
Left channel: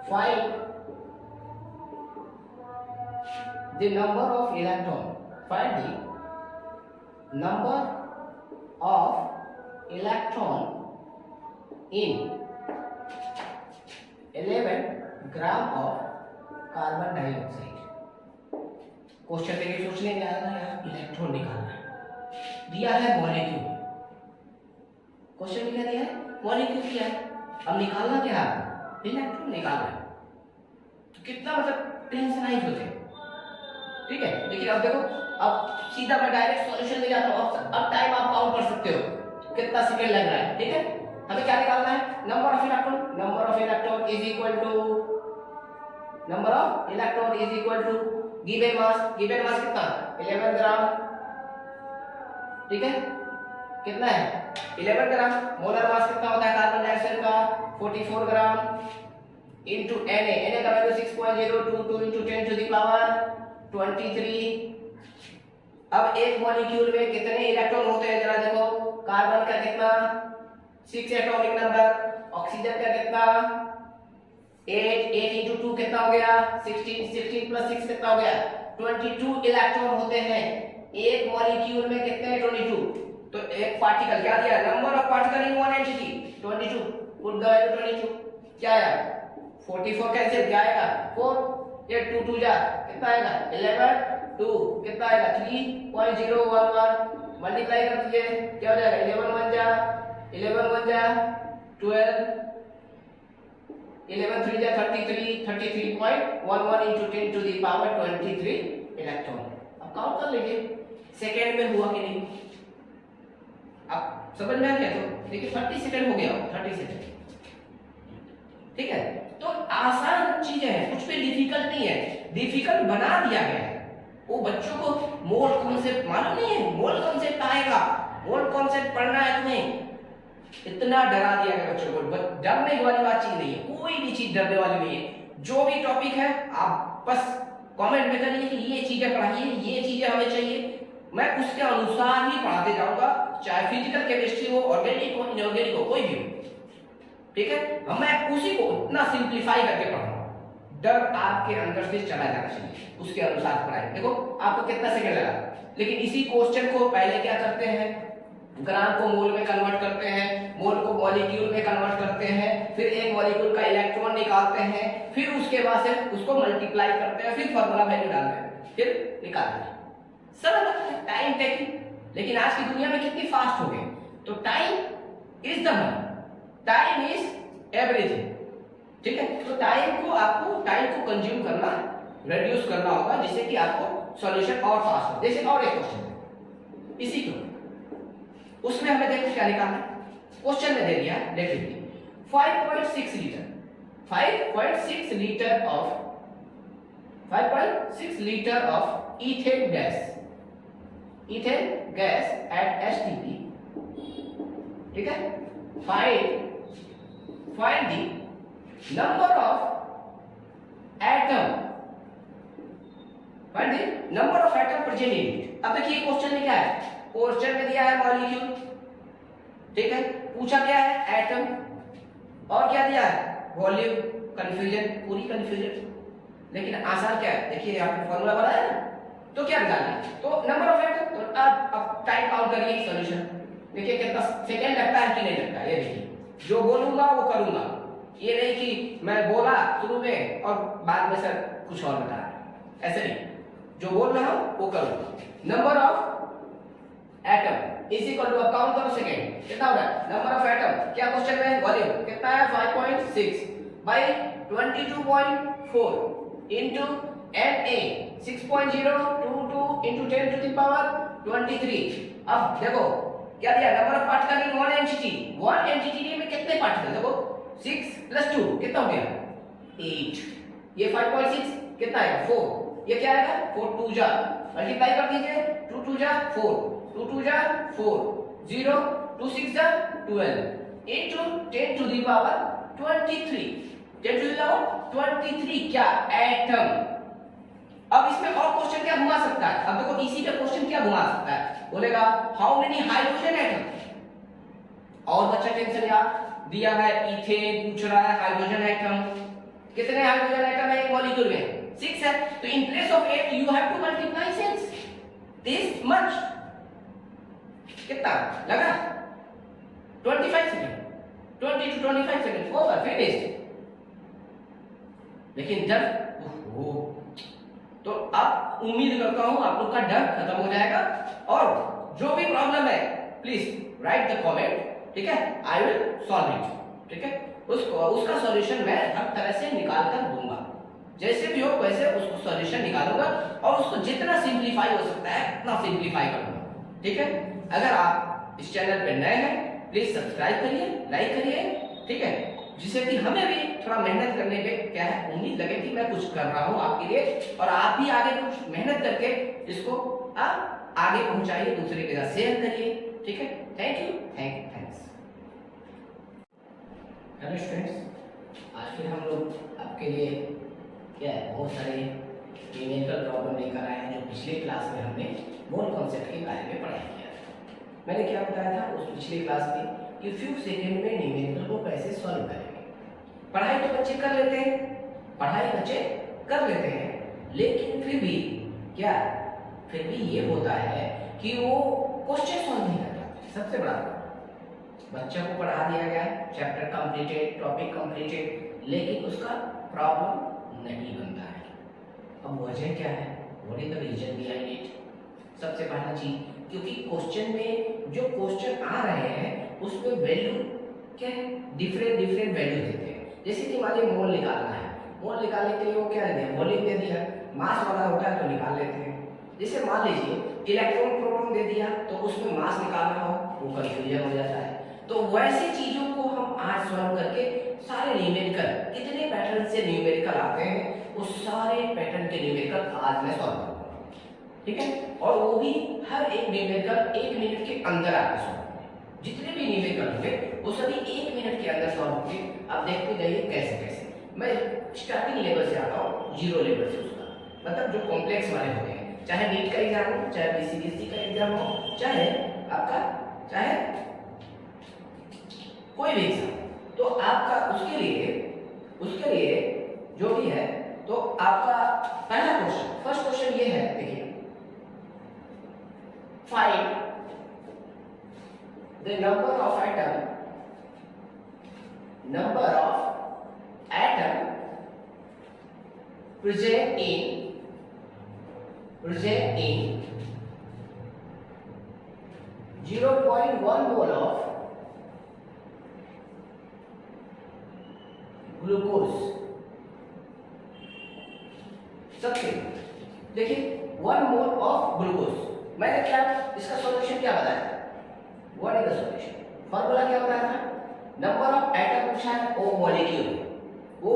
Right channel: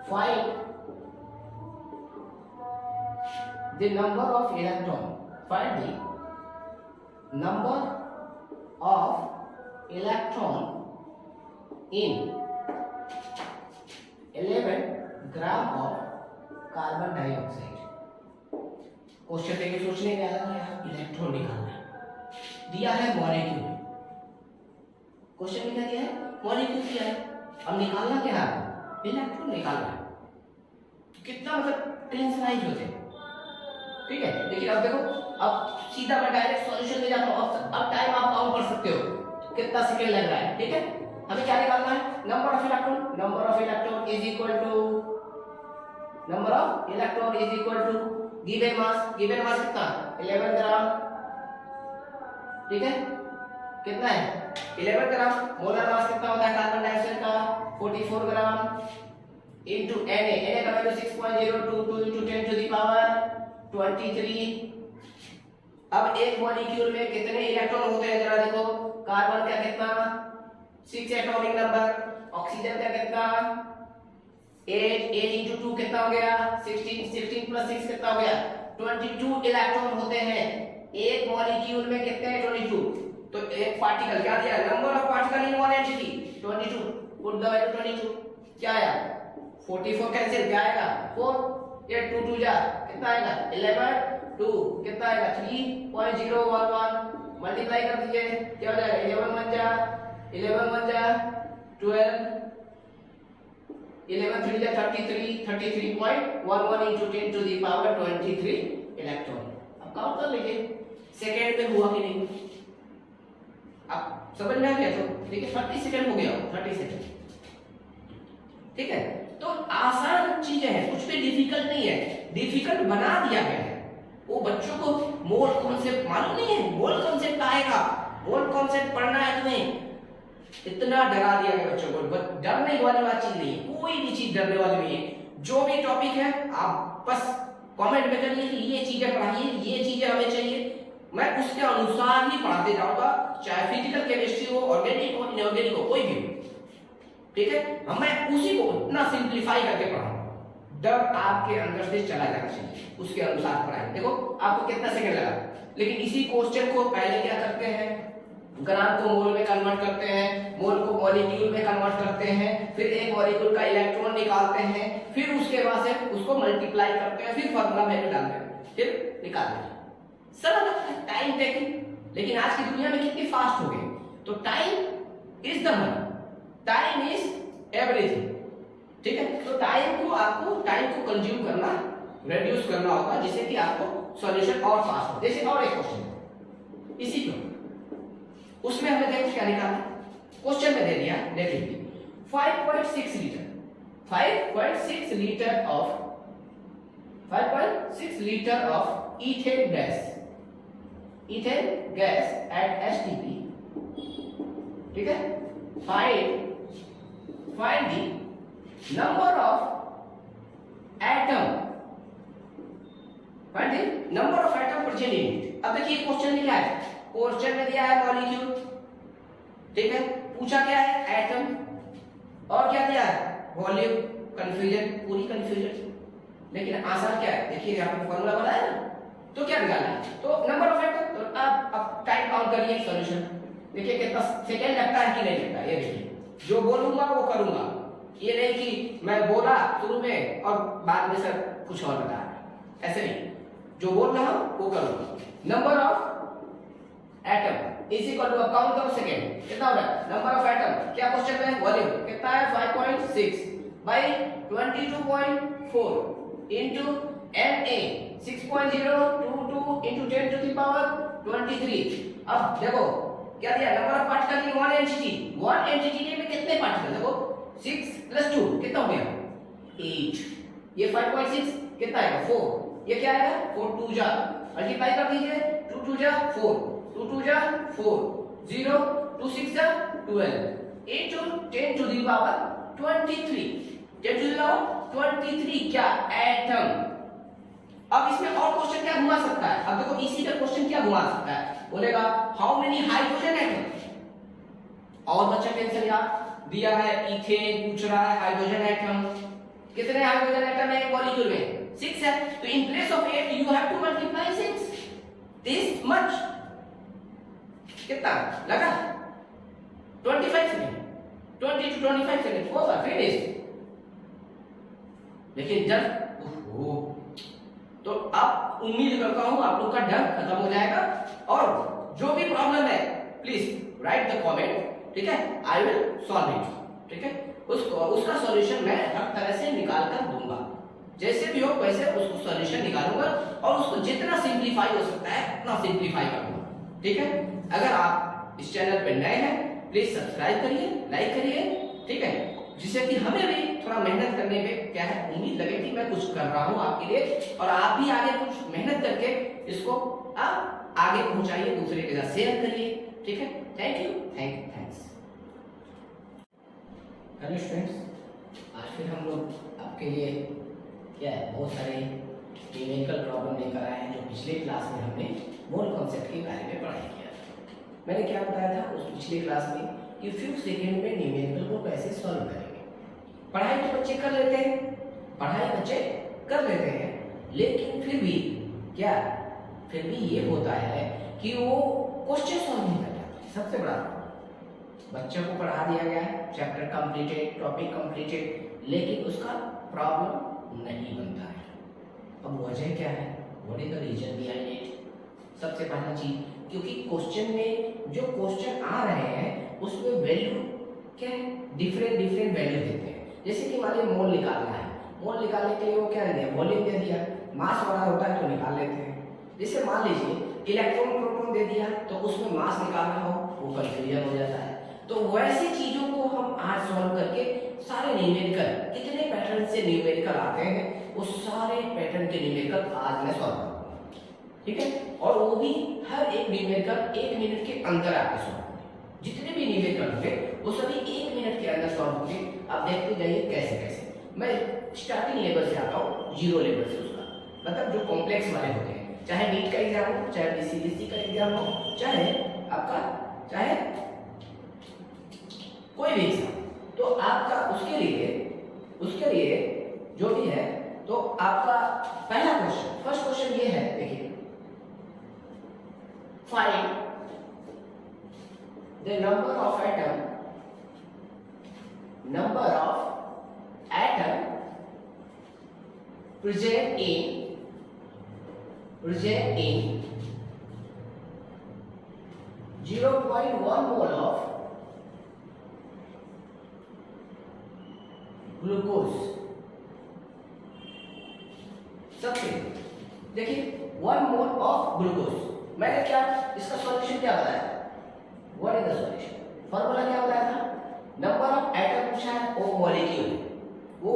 find the number of electron find the number of electron in 11 gram of carbon dioxide. Question देखिए सोचने में आया ना इलेक्ट्रॉन निकालना है दिया है मॉलिक्यूल क्वेश्चन में क्या दिया है मॉलिक्यूल क्या है अब निकालना क्या है इलेक्ट्रॉन निकालना है तो कितना मतलब टेंशनाइज होते हैं। ठीक है देखिए अब देखो अब सीधा मैं डायरेक्ट सॉल्यूशन ले जाता हूं। अब टाइम आप काउंट कर सकते हो कितना सेकंड लग रहा है। ठीक है हमें क्या निकालना है number of electron is equal to given mass कितना 11 ग्राम। ठीक है कितना है 11 ग्राम। मोलर मास कितना होता है कार्बन डाइऑक्साइड का 44 ग्राम इनटू Na का value 6.022 into 10 to the power 23। अब एक मॉलिक्यूल में कितने इलेक्ट्रॉन होते हैं जरा देखो कार्बन का कितना 6 एटॉमिक नंबर ऑक्सीजन का कितना 8 into 2 कितना हो गया 16 plus 6 कितना हो गया 22 इलेक्ट्रॉन होते हैं एक मॉलिक्यूल में। कितने 22 तो एक पार्टिकल क्या दिया number of particle in one entity 22 put the value 22 क्या आया 44 कैंसिल क्या आएगा 4 ये 2 2 जा कितना आएगा 11 2 कितना आएगा 3.011 मल्टीप्लाई कर दीजिए क्या हो जाएगा 11 1 जा 12 11 3 जा 33.11 into 10 to the power 23 electron. अब काउंट कर लीजिए सेकंड में हुआ कि नहीं आप समझ में आ गया तो देखिए 30 सेकंड हो गया 30 सेकंड। ठीक है तो आसान चीजें हैं कुछ भी डिफिकल्ट नहीं है डिफिकल्ट बना दिया गया है। वो बच्चों को मोल कॉन्सेप्ट मालूम नहीं है मोल कॉन्सेप्ट आएगा मोल कॉन्सेप्ट पढ़ना है तुम्हें इतना डरा दिया गया बच्चों को, डरने वाली बात चीज नहीं है, कोई भी चीज डरने वाली नहीं है। जो भी टॉपिक है आप बस कमेंट में करिए कि ये चीजें पढ़ाइए, ये चीजें हमें चाहिए, मैं उसके अनुसार ही पढ़ाते जाऊंगा, चाहे फिजिकल केमिस्ट्री हो, ऑर्गेनिक हो, इनऑर्गेनिक हो, कोई भी हो, ठीक है। मैं उसी को इतना सिंप्लीफाई करके पढ़ाऊंगा, डर आपके अंदर से चला जाना चाहिए, उसके अनुसार पढ़ाई। देखो आपको कितना सेकंड लगा, लेकिन इसी क्वेश्चन को पहले क्या करते हैं, ग्राम को मोल में कन्वर्ट करते हैं, मोल को मॉलिक्यूल में कन्वर्ट करते हैं, फिर एक मॉलिक्यूल का इलेक्ट्रॉन निकालते हैं, फिर उसके बाद से उसको मल्टीप्लाई करते हैं, फिर फॉर्मूला वैल्यू डालते हैं, फिर निकालते हैं। सरल लगता है, टाइम टेकिंग। लेकिन आज की दुनिया में कितनी फास्ट हो गए, तो time is the money, time is everything, ठीक है। तो आपको टाइम को कंज्यूम करना, रिड्यूस करना होगा, जिससे कि आपको सॉल्यूशन और फास्ट हो। जैसे और एक क्वेश्चन है इसी को, उसमें हमें देखो क्या निकालना, क्वेश्चन में दे दिया, देख लीजिए 5.6 litre, 5.6 litre of ethane gas at STP, ठीक है। Find the number of atom present in it. अब देखिए क्वेश्चन में क्या है, क्वेश्चन में दिया है मॉलिक्यूल, ठीक है, पूछा क्या है एटम, और क्या दिया है वॉल्यूम, कंफ्यूजन, पूरी कंफ्यूजन। लेकिन आसान क्या है, देखिए यहाँ पे फॉर्मूला बनाया ना, तो क्या निकालना है, तो नंबर ऑफ एटम। तो आप टाइम काउंट करिए सॉल्यूशन, देखिए कितना सेकंड लगता है कि नहीं लगता, ये देखिए जो बोलूंगा वो करूंगा, ये नहीं कि मैं बोला शुरू में और बाद में सर कुछ और बता रहा है, ऐसे नहीं, जो बोल रहा हूं वो करूंगा। Number of atom is equal to, count करो सेकंड, कितना हो रहा है नंबर ऑफ एटम, क्या क्वेश्चन में है वॉल्यूम कितना है 5.6 by 22.4 into Na 6.022 into 10 to the power 23। अब देखो क्या दिया, number of particle in one entity में कितने पार्टिकल, देखो 6 + 2 कितना हो गया 8, ये 5.6 कितना आएगा 4, ये क्या आएगा 4 2 जा, मल्टीप्लाई कर दीजिए 2 2 जा 4, 2 2 जा 4, 0 2 6 जा 12 into 10 to the power 23, 10 to the power 23 क्या एटम। अब इसमें और क्वेश्चन क्या घुमा सकता है, अब देखो इसी का क्वेश्चन क्या घुमा सकता है, बोलेगा हाउ मेनी हाइड्रोजन एटम, और बच्चा टेंशन यार दिया है इथेन, पूछ रहा है हाइड्रोजन एटम, कितने हाइड्रोजन एटम है एक मॉलिक्यूल में 6 है, तो in place of 8 you have to multiply 6 this much, कितना लगा 25 सेकंड, 20 to 25 सेकंड होगा फिनिश। लेकिन जब तो अब उम्मीद करता हूं आप लोग का डर खत्म हो जाएगा, और जो भी प्रॉब्लम है प्लीज राइट द कमेंट, ठीक है, आई विल सॉल्व इट, ठीक है। उसका सॉल्यूशन मैं हर तरह से निकाल कर दूंगा, जैसे भी हो वैसे उसको सॉल्यूशन निकालूंगा, और उसको जितना सिंप्लीफाई हो सकता है उतना सिंप्लीफाई करूंगा, ठीक है। अगर आप इस चैनल पे नए हैं प्लीज सब्सक्राइब करिए, लाइक करिए, ठीक है, जिससे कि हमें भी थोड़ा मेहनत करने पे क्या है उम्मीद लगे कि मैं कुछ कर रहा हूं आपके लिए, और आप भी आगे कुछ मेहनत करके इसको आप आगे पहुंचाइए, दूसरे के साथ शेयर करिए, ठीक है। Thank you, thanks. Hello students, आज फिर हम लोग आपके लिए क्या है बहुत सारे न्यूमेरिकल प्रॉब्लम लेकर आए हैं, जो पिछले क्लास में हमने मोल कॉन्सेप्ट के बारे में पढ़ाई किया था। मैंने क्या बताया था उस पिछले क्लास में कि फ्यू सेकेंड में न्यूमेरिकल को कैसे सॉल्व करेंगे। पढ़ाई तो बच्चे कर लेते हैं, लेकिन फिर भी क्या, फिर भी ये होता है कि वो क्वेश्चन सॉल्व नहीं कर पाते। सबसे बड़ा बच्चों को पढ़ा दिया गया, चैप्टर कंप्लीटेड, टॉपिक कंप्लीटेड, लेकिन उसका प्रॉब्लम नहीं बनता है। अब वजह क्या है, what is the reason behind it. सबसे पहला चीज, क्योंकि क्वेश्चन में जो क्वेश्चन आ रहे हैं उसमें वैल्यू क्या है, डिफरेंट वैल्यू देते हैं। जैसे कि मान लीजिए मोल निकालना है, मोल निकालने के लिए वो क्या दे दिया, वॉल्यूम दे दिया, मास वाला होता है तो निकाल लेते हैं। जैसे मान लीजिए इलेक्ट्रॉन प्रोटॉन दे दिया तो उसमें मास निकालना हो, वो कंफ्यूजन हो जाता है। तो वैसी चीजों को हम आज सॉल्व करके सारे न्यूमेरिकल, कितने पैटर्न से न्यूमेरिकल आते हैं, उस सारे पैटर्न के न्यूमेरिकल आज मैं सॉल्व करूंगा, ठीक है। और वो भी हर एक न्यूमेरिकल 1 मिनट के अंदर आके सॉल्व करें, जितने भी न्यूमेरिकल होंगे वो सभी 1 मिनट के अंदर सॉल्व होंगे। आप देखते जाइए कैसे कैसे। मैं स्टार्टिंग लेवल से आता हूँ, 0 लेवल से, उसका मतलब जो कॉम्प्लेक्स वाले होते हैं, चाहे नीट का एग्जाम हो, चाहे बीसीबीएसई का एग्जाम हो, चाहे आपका चाहे कोई भी एग्जाम, तो आपका उसके लिए जो भी है, तो आपका पहला क्वेश्चन, फर्स्ट क्वेश्चन ये है, देखिए, find the number of atom present in 0.1 mole of glucose. सबसे देखिए 1 मोल ऑफ ग्लूकोज, मैंने क्या इसका सॉल्यूशन क्या बताया? What is the solution? Formula क्या बताया था? नंबर ऑफ एटम पूछा है, वो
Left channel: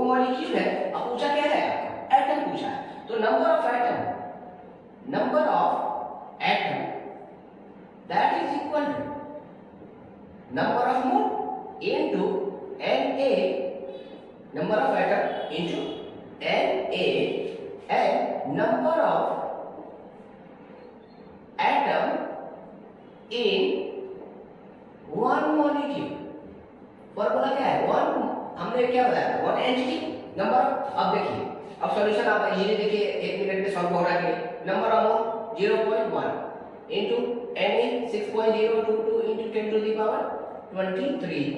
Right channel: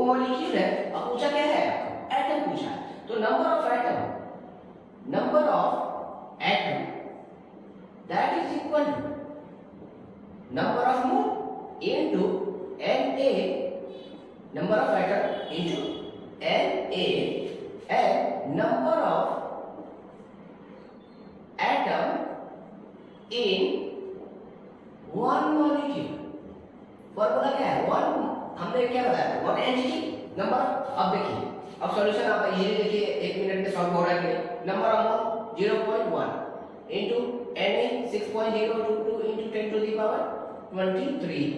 मॉलिक्यूल है। अब पूछा क्या है? एटम पूछा है, तो number of atom that is equal to number of mole into Na, number of atom into Na, and number of atom in one molecule। Formula क्या है? हमने क्या बताया? 1 एनजीटी नंबर। अब देखिए, अब सॉल्यूशन आप ये देखिए 1 मिनट में सॉल्व हो रहा है कि number of mole 0.1 into Na 6.022 into 10 to the power 23।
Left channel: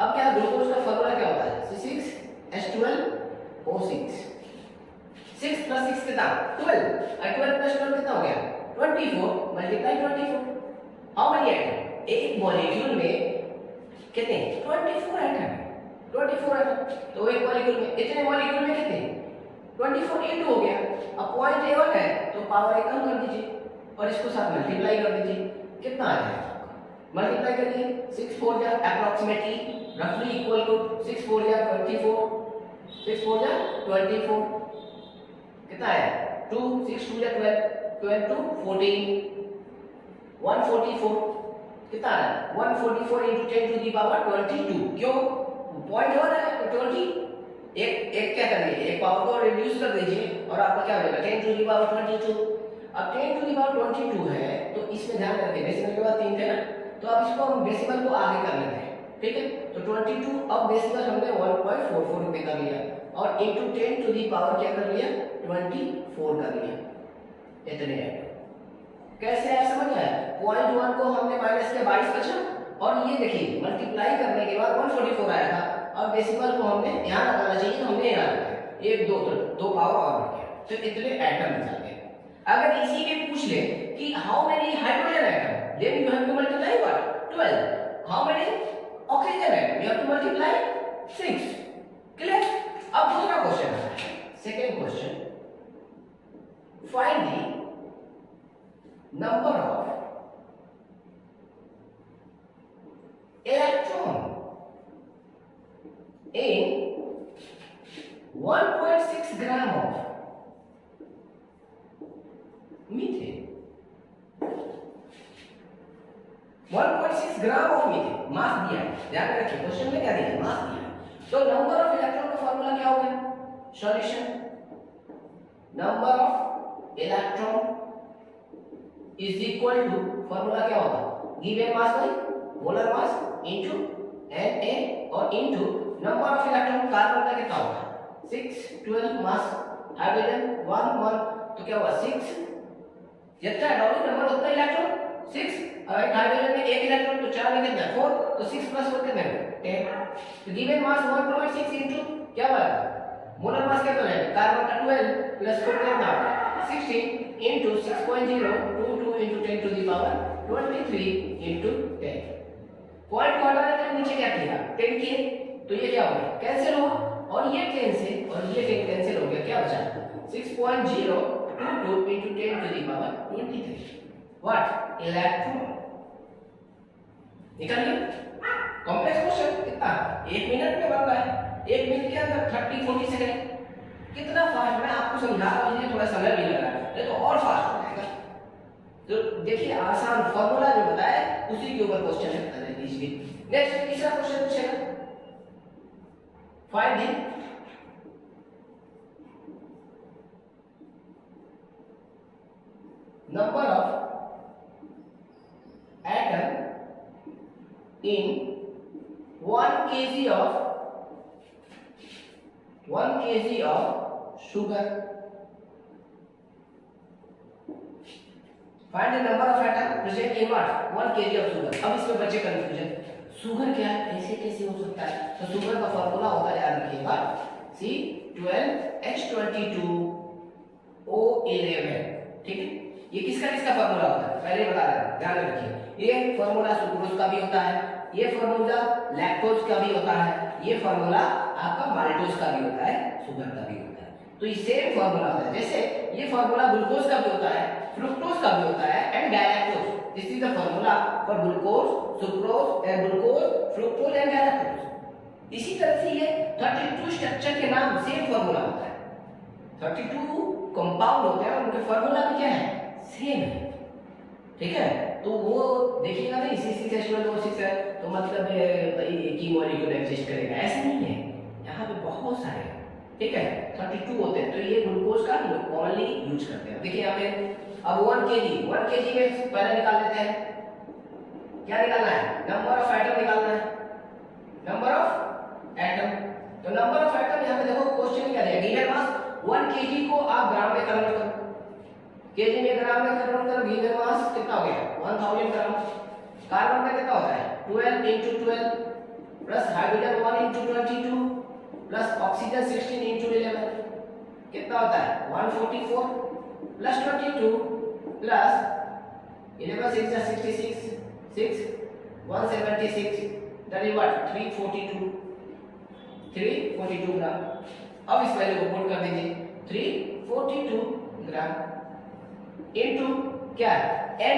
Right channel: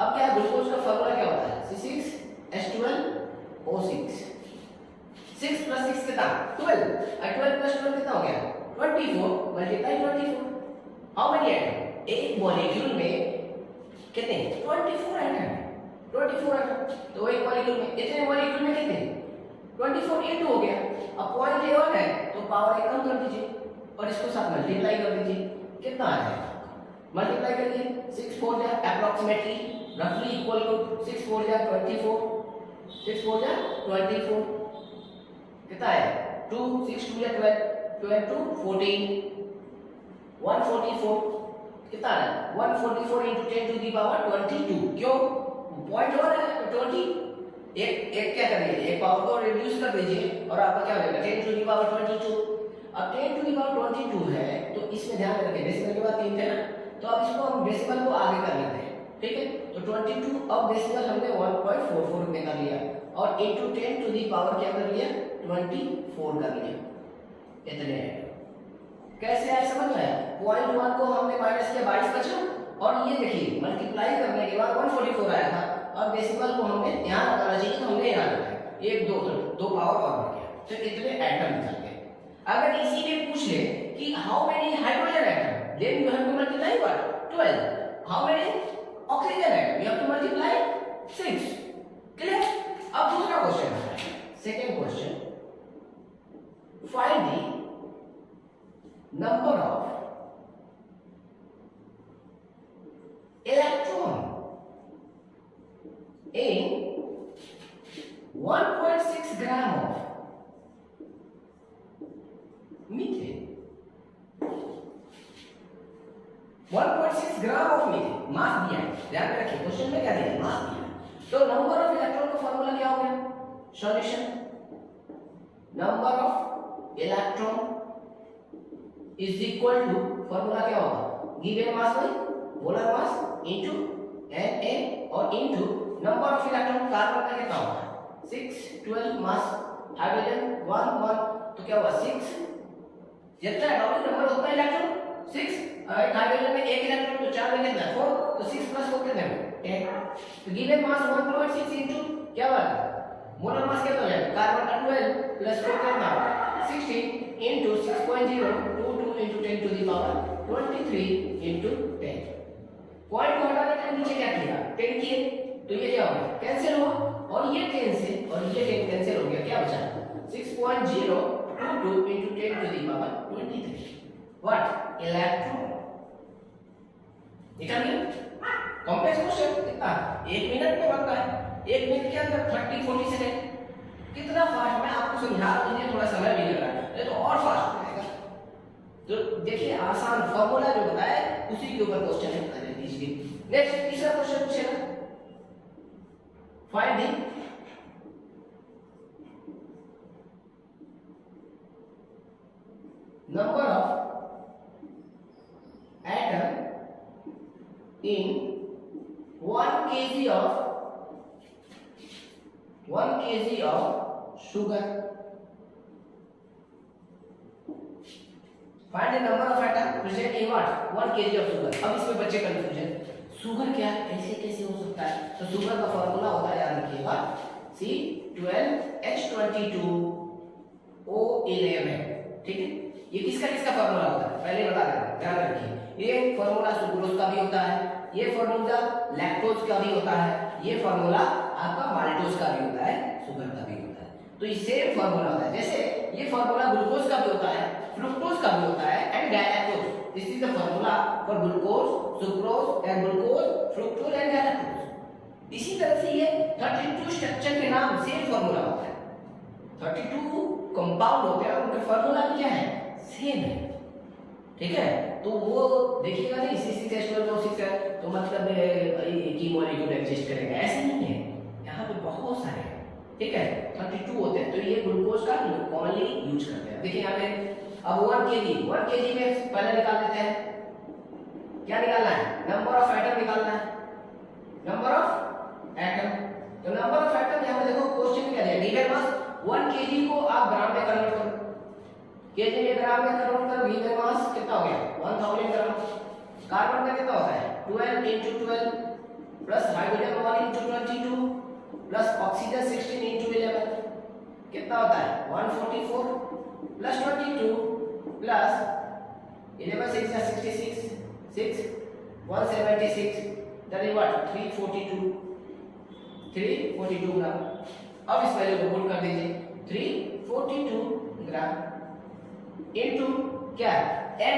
अब क्या ग्लूकोज का फॉर्मूला क्या होता है? C6H12O6। 6 प्लस 6 कितना? 12। और 12 प्लस 12 कितना हो गया? 24 मल्टीप्लाई 24। How many atom? एक मॉलिक्यूल में कितने? 24 एटम है। 24 एटम, तो एक मॉलिक्यूल में, इतने मॉलिक्यूल में कितने? 24 इनटू हो गया। अब 0.1 है तो पावर 1 कम कर दीजिए और इसको साथ मल्टीप्लाई कर दीजिए। कितना आ जाएगा? मल्टीप्लाई करिए, 6 4 जा अप्रोक्सीमेटली roughly equal to 6 4 जा 24, 6 4 जा 24, कितना आया? 2 6 2 जा 12, 12 2 14, 144 कितना आया? 144 into 10 to the power 22। क्यों? 0.1 है तो 20, एक क्या कर दीजिए, एक पावर को रिड्यूस कर दीजिए और आपको क्या मिलेगा? 10 to the power 22। अब 10 to the power 22 है तो इसमें ध्यान रखें, डेसिमल के बाद 3 थे ना, तो अब इसको हम डेसिमल को आगे कर लेते हैं, ठीक है? तो 22 अब डेसिमल हमने 1.44 में कर लिया और इनटू 10 टू दी पावर क्या कर लिया? 24 कर लिया। इतने कैसे है समझ में आया? 0.1 को हमने माइनस किया, 22 बचा, और ये देखिए मल्टीप्लाई करने के बाद 144 आया था। अब डेसिमल को हमने यहाँ लगाना चाहिए, हमने यहाँ लगाया, 1 2 तो 2 पावर और बढ़ गया, तो इतने एटम निकल गए। अगर इसी में पूछ ले कि how many hydrogen atom, then you have to multiply what? 12। How many oxygen atom, you have to multiply 6। Clear? अब दूसरा क्वेश्चन है, second question, find the number of electron in 1.6 gram of methane. 1.6 gram of methane mass दिया है, ध्यान रखिए question में क्या दिया है? मास दिया है। तो नंबर ऑफ इलेक्ट्रॉन का फॉर्मूला क्या हो गया? Solution, number of electron is equal to, formula क्या होगा? Given mass by molar mass into Na और into number of electron. Carbon का कितना होगा? 6 12 मास, हाइड्रोजन 1 1, तो क्या हुआ? 6, जितना एटॉमिक नंबर उतना इलेक्ट्रॉन 6, और हाइड्रोजन में एक इलेक्ट्रॉन तो 4 में कितना? 4, तो 6 प्लस 4 कितना है? 10। तो गिवन मास 1.6 इनटू क्या बना? मोलर मास कितना है? कार्बन का 12 प्लस 4 कितना? 16 into 6.022 into 10 to the power 23 into 10। Point को हटाने के लिए नीचे क्या किया? 10 किए, तो ये क्या हो गया? कैंसिल हुआ, और ये 10 से और ये 10 कैंसिल हो गया, क्या बचा? 6.022 into 10 to the power 23 what? Electron. निकल गया। कॉम्प्लेक्स क्वेश्चन कितना? 1 मिनट में बनता है, 1 मिनट के अंदर 30-40 सेकंड। कितना फास्ट, मैं आपको समझा रहा हूं, थोड़ा समय भी लग रहा है, ये तो और फास्ट हो जाएगा। तो देखिए आसान फॉर्मूला जो बताया उसी के ऊपर क्वेश्चन है। इजीली। नेक्स्ट तीसरा क्वेश्चन पूछेगा, find the number of atom in 1 kg of sugar. Find the number of atom present in what 1 kg of sugar. अब इसमें बच्चे कंफ्यूजन, शुगर क्या है, ऐसे कैसे हो सकता है? तो शुगर का फॉर्मूला होता है, याद रखिएगा, C12H22O11, ठीक है। ये किसका फॉर्मूला होता है पहले बता देता हूं, ध्यान रखिए। ये फॉर्मूला सुक्रोज का भी होता है, ये फॉर्मूला लैक्टोज का भी होता है, ये फॉर्मूला आपका माल्टोज का भी होता है, शुगर का भी होता है। तो ये सेम फॉर्मूला होता है, जैसे ये फॉर्मूला ग्लूकोज का भी होता है, फ्रुक्टोज का भी होता है and galactose. This is the formula for glucose, sucrose and glucose, fructose and galactose. इसी तरह से ये 32 स्ट्रक्चर के नाम सेम फॉर्मूला होता है, 32 कंपाउंड होते हैं, उनका फॉर्मूला भी क्या है, सेम है, ठीक है। तो वो देखिएगा ना, C6H12O6 है तो मतलब एक ही मॉलिक्यूल एग्जिस्ट करेगा, ऐसे नहीं है, यहाँ पे बहुत सारे हैं, ठीक है, 32 होते हैं। तो ये ग्लूकोज का कॉमनली यूज करते हैं। देखिए यहाँ पे अब 1 kg में पहले निकाल लेते हैं, क्या निकालना है, नंबर ऑफ एटम निकालना है, नंबर ऑफ एटम। तो नंबर ऑफ एटम यहाँ पे देखो क्वेश्चन में क्या दिया, गिवन मास 1 kg को आप ग्राम में कन्वर्ट करो, केजी में ग्राम में कन्वर्ट करो, गिवन मास कितना हो गया 1000 ग्राम। कार्बन का कितना होता है 12 into 12 plus hydrogen 1 into 22 plus oxygen 16 into 11 कितना होता है 144 plus 22 plus 11 6 is 66 6 176 that is what 342 ग्राम। अब इस वैल्यू को पुट कर दीजिए, 342 ग्राम इनटू क्या है Na,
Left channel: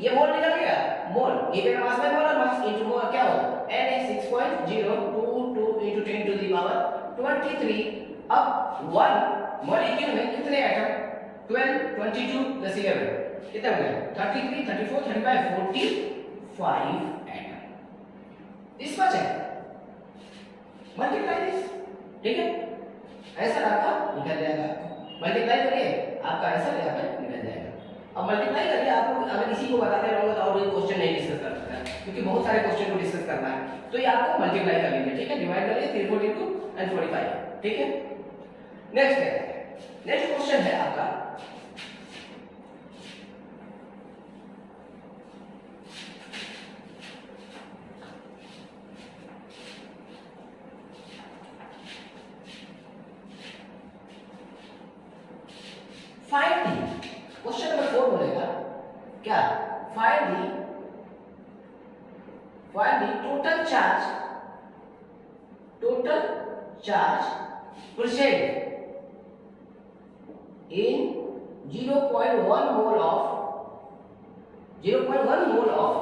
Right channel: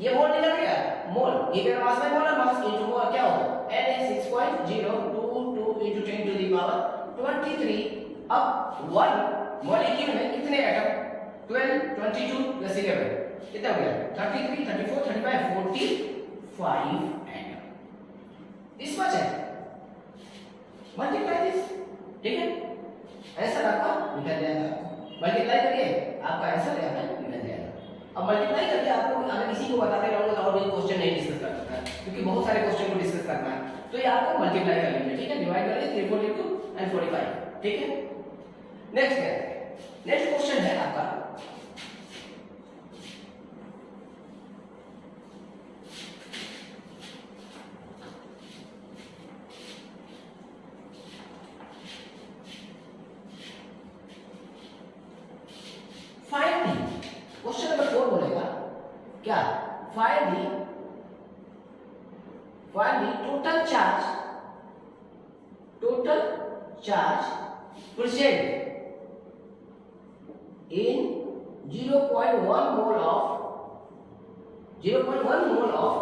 ये मोल निकल गया, मोल गिवन मास में मोलर मास इनटू मोल क्या होगा Na 6.022 into 10 to the power 23। अब 1 मॉलिक्यूल में कितने एटम 12 22 प्लस 11 कितना हो गया 33 34 35 45 एटम। दिस मच है, मल्टीप्लाई दिस, ठीक है, आंसर आपका निकल जाएगा। मल्टीप्लाई करिए, आपका आंसर यहाँ पे निकल जाएगा। अब मल्टीप्लाई करके आप लोग अगर इसी को बताते रहूंगा तो और भी क्वेश्चन नहीं डिस्कस कर सकता, क्योंकि बहुत सारे क्वेश्चन को डिस्कस करना है। तो ये आपको मल्टीप्लाई कर लीजिए, ठीक है, डिवाइड करिए 342 एंड 45, ठीक है। नेक्स्ट क्वेश्चन है आपका, फाइंड दी, क्वेश्चन नंबर 4 बोलेगा क्या, find the total charge present in 0.1 mole of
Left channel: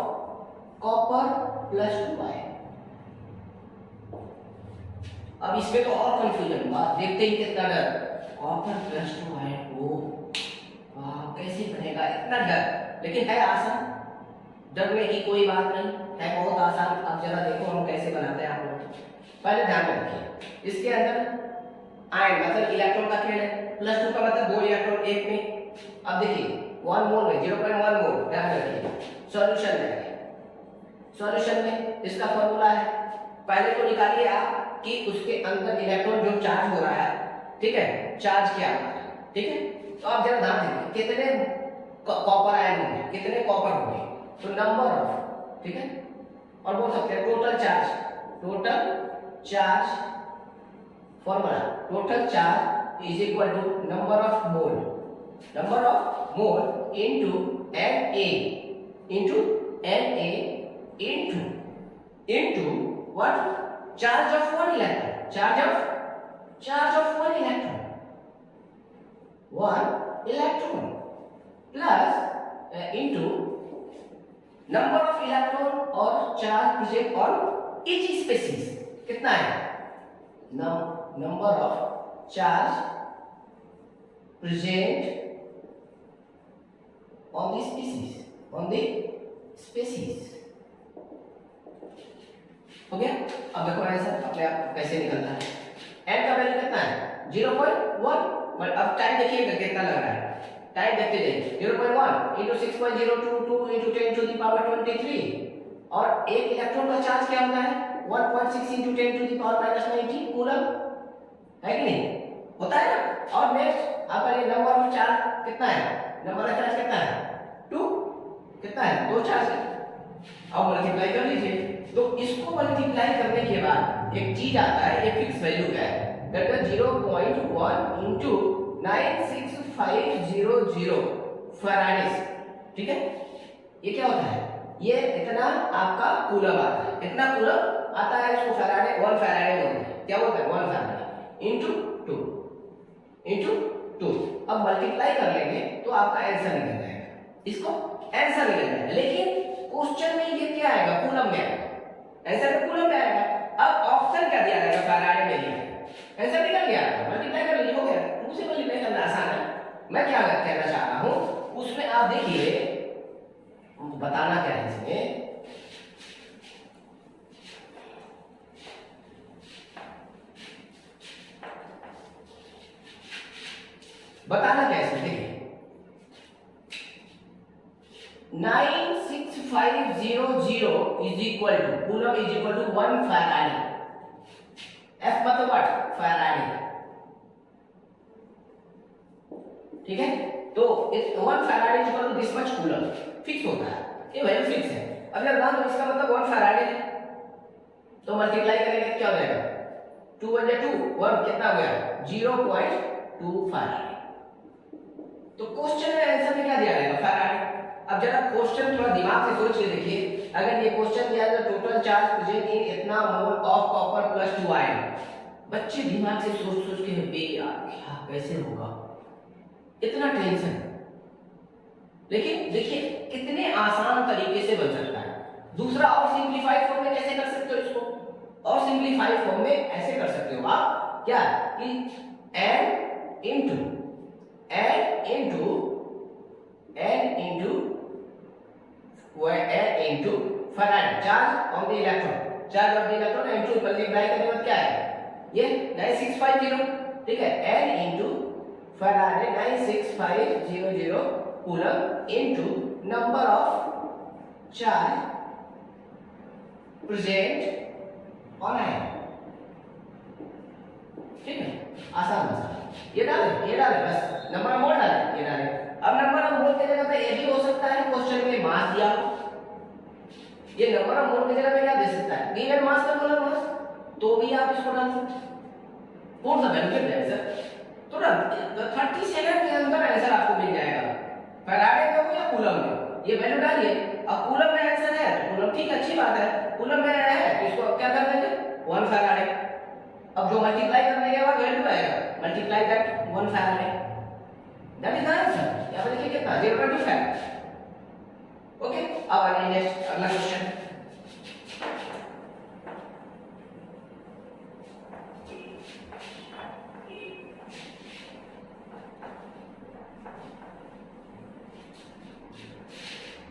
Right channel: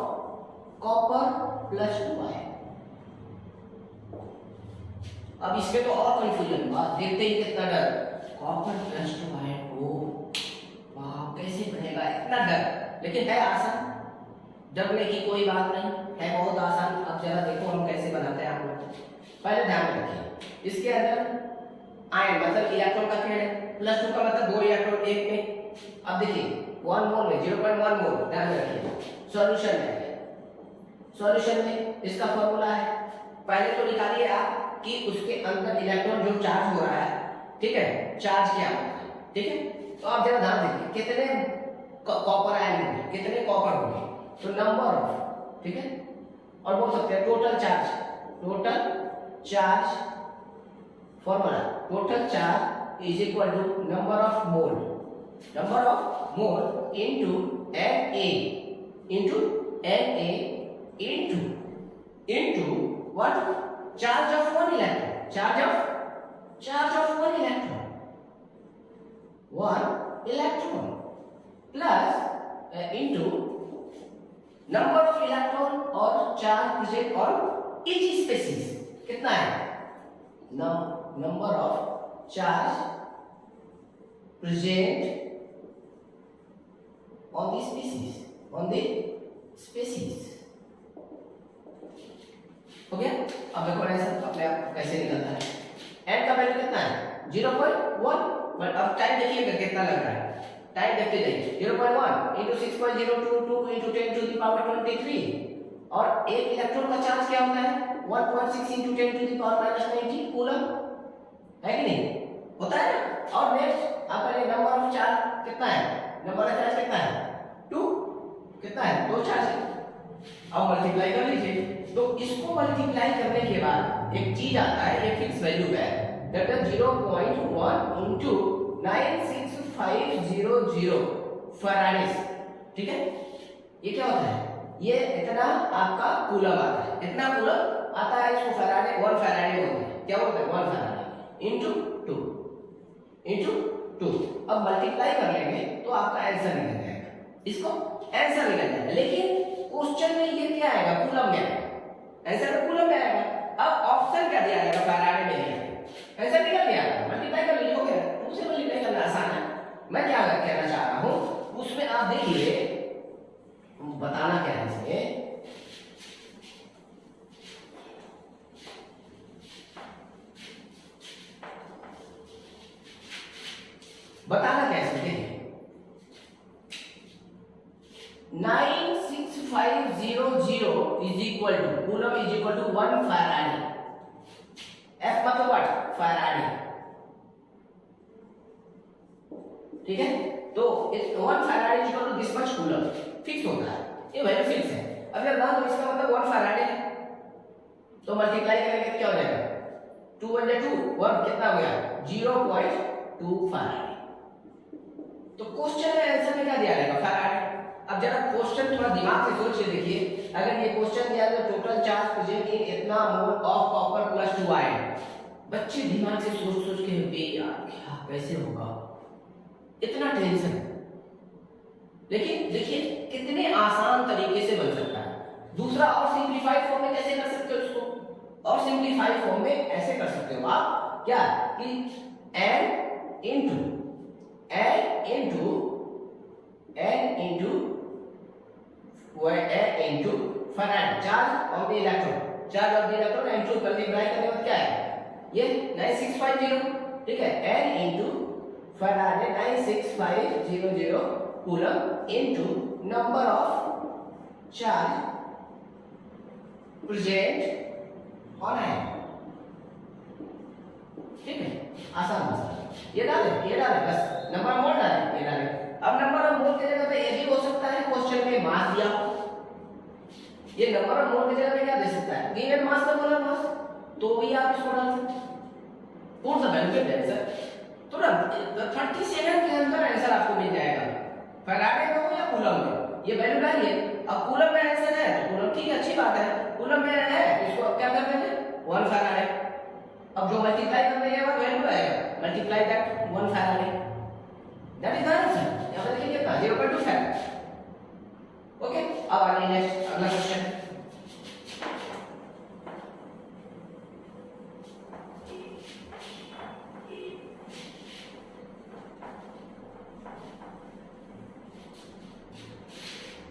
copper plus 2 iron। अब इसमें तो और कंफ्यूजन, बात देखते ही कितना डर, कॉपर प्लस 2 आयन, ओ वाह कैसे बनेगा, इतना डर, लेकिन है आसान, डरने की कोई बात नहीं है, बहुत आसान। अब जरा देखो हम कैसे बनाते हैं आप लोग, पहले ध्यान में रखिए, इसके अंदर आयन मतलब इलेक्ट्रॉन का खेल है, प्लस 2 का मतलब 2 इलेक्ट्रॉन एक में। अब देखिए 1 मोल में 0.1 मोल, ध्यान में रखिए। सॉल्यूशन में इसका फॉर्मूला है, पहले तो निकालिए आप कि उसके अंदर इलेक्ट्रॉन जो चार्ज हो रहा है, ठीक है, चार्ज क्या हो रहा है, ठीक है। तो आप जरा ध्यान दीजिए कितने कॉपर आयन होंगे, कितने कॉपर होंगे, तो नंबर ऑफ, ठीक है, और बोल सकते हैं total charge formula, total charge is equal to number of mole into Na into what, charge of 1 electron, charge of 1 electron plus into number of electron और charge present on each species, कितना है, number of charge present on the species अब देखो answer अपने आप कैसे निकलता है। n का वैल्यू कितना है 0.1, बट अब टाइम देखिएगा कितना लग रहा है, टाइम देखते जाइए। 0.1 into 6.022 into 10 to the power 23, और एक इलेक्ट्रॉन का चार्ज क्या होता है 1.6 into 10 to the power minus 19 coulomb, है कि नहीं, होता है ना। और नेक्स्ट आपका ये नंबर ऑफ चार्ज कितना है, नंबर ऑफ चार्ज कितना है 2, कितना है 2 चार्ज है। अब मल्टीप्लाई कर लीजिए, तो इसको मल्टीप्लाई करने के बाद एक चीज आता है, ये फिक्स वैल्यू है, दैट इज 0.1 into 96500 फैराडेस, ठीक है। ये क्या होता है, ये इतना आपका कूलम आता है, इतना कूलम आता है, इसको फैराडे 1 फैराडे बोलते हैं, क्या बोलते हैं 1 फैराडे into 2 into 2। अब मल्टीप्लाई कर लेंगे तो आपका आंसर निकल जाएगा, इसको आंसर निकल जाएगा। लेकिन क्वेश्चन में ये क्या आएगा कूलम में आएगा, आंसर में कूलम में आएगा। अब ऑप्शन क्या दिया जाएगा फैराडे में दिया जाएगा, आंसर निकल गया, मल्टीप्लाई कर लीजिए, हो गया। 2 से मल्टीप्लाई करना आसान है। मैं क्या कहना चाह रहा हूं उसमें आप देखिए, बताना क्या है इसमें, बताना क्या है इसमें, 96500 is equal to coulomb is equal to 1 faraday. F मतलब व्हाट फैराडे, ठीक है। तो 1 faraday is equal to this much coulomb, fix होता है, ये वैल्यू फिक्स है। अब अगर मान लो इसका मतलब 1 फैराडे है, तो मल्टीप्लाई करेंगे तो क्या हो जाएगा 2 1 2 1 कितना हो गया 0.2 फैराडे। तो क्वेश्चन में आंसर में क्या दिया जाएगा फैराडे। अब जरा क्वेश्चन थोड़ा दिमाग से सोच के देखिए, अगर ये क्वेश्चन दिया जाए टोटल चार्ज प्रेजेंट इन इतना mole of copper plus 2 ion, बच्चे दिमाग से सोच सोच के बे यार क्या कैसे होगा, इतना टेंशन। लेकिन देखिए कितने आसान तरीके से बन सकता है। दूसरा और सिंपलीफाइड फॉर्म में कैसे कर सकते हो इसको, और सिंपलीफाइड फॉर्म में ऐसे कर सकते हो आप क्या कि n into Faraday charge of the electron, charge of the electron n2 multiply करने के बाद क्या है ये 9650, ठीक है, n into Faraday 96500 coulomb into number of charge present on ion, ठीक है, आसान आसान ये डाले बस, नंबर ऑफ मोल डाले, ये डाले। अब नंबर ऑफ मोल की जगह पे ये भी हो सकता है क्वेश्चन में मास दिया, ये नंबर ऑफ मोल की जगह पे क्या दे सकता है गिवन मास का मोलर मास, तो भी आप इसको डाल सकते हैं। कौन सा बेनिफिट है सर, तुरंत 30 सेकंड के अंदर आंसर आपको मिल जाएगा, फैराडे में हो या कूलम में, ये वैल्यू डालिए। अब कूलम में आंसर है तो कूलम ठीक अच्छी बात है, कूलम में है इसको अब क्या कर देंगे 1 फैराडे। अब जो मल्टीप्लाई करने के बाद वैल्यू आएगा multiply that 1 Faraday, that is the answer. यहां पर देखिए कितना 0.2 फैराडे। ओके, अब आइए नेक्स्ट अगला क्वेश्चन।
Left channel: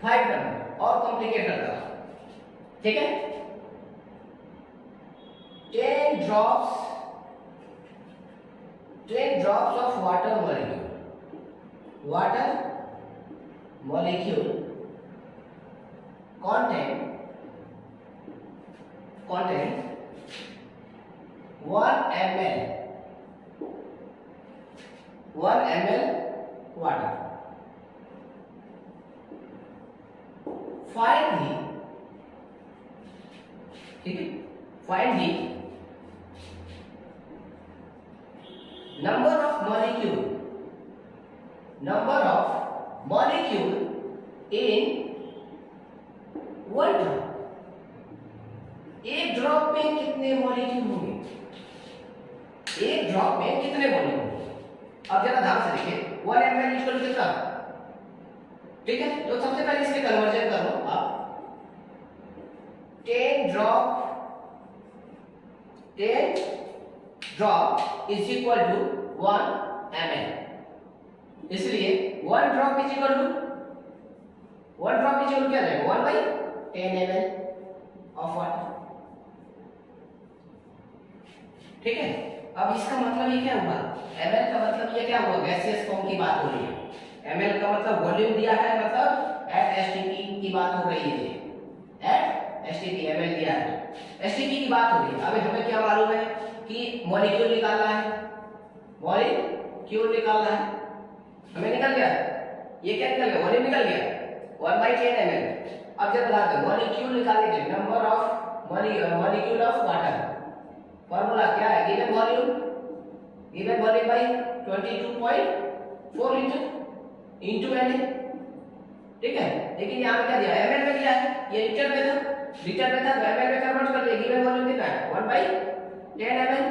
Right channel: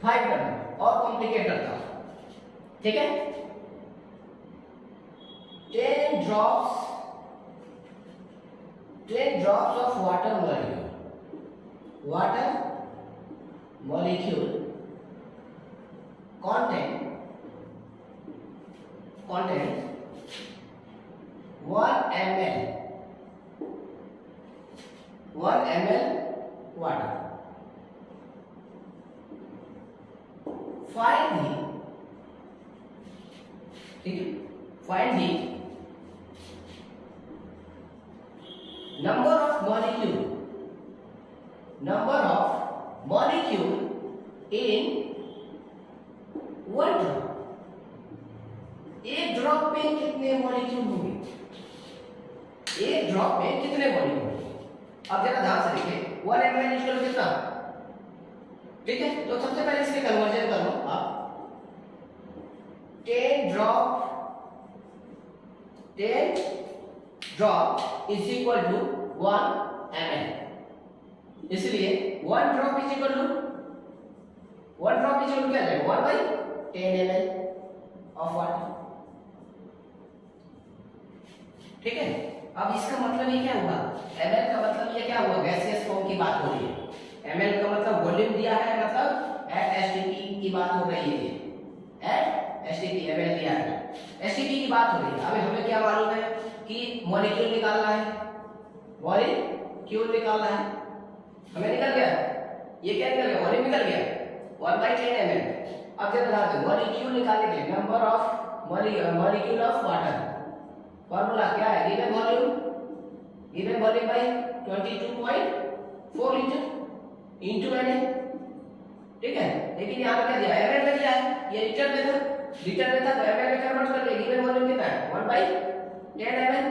फाइव करना और कॉम्प्लिकेट करता हूं, ठीक है। 10 drops of water molecule contain 1 ml water. Find the number of molecule in 1 drop. एक ड्रॉप में कितने मॉलिक्यूल होंगे, एक ड्रॉप में कितने मॉलिक्यूल होंगे। अब जरा ध्यान से देखिए 1 ml इक्वल कितना, ठीक है। तो सबसे पहले इसमें कन्वर्जन कर लो आप, 10 drop is equal to 1 ml, इसलिए 1 ड्रॉप इज इक्वल टू क्या जाएगा 1/10 ml ऑफ वाटर। ठीक है। अब इसका मतलब ये क्या हुआ, ml का मतलब ये क्या हुआ, गैसियस फॉर्म की बात हो रही है। ml का मतलब वॉल्यूम दिया है, मतलब एट एसटीपी की बात हो रही है, एट एसटीपी ml दिया है, एसटीपी की बात हो रही है। अभी हमें क्या मालूम है कि मॉलिक्यूल निकालना है, मॉलिक्यूल निकालना है, हमें निकल गया, ये क्या निकल गया, वॉल्यूम निकल गया 1/10 ml। अब जब लगाते हैं मॉलिक्यूल निकालेंगे, number of molecule of water, formula क्या है, given volume by 22.4 litre into Na, ठीक है। लेकिन यहां पे क्या दिया है, ml में दिया है, ये लीटर में था, लीटर में था तो ml में कन्वर्ट कर ले, गिवन वॉल्यूम कितना है 1/10 ml,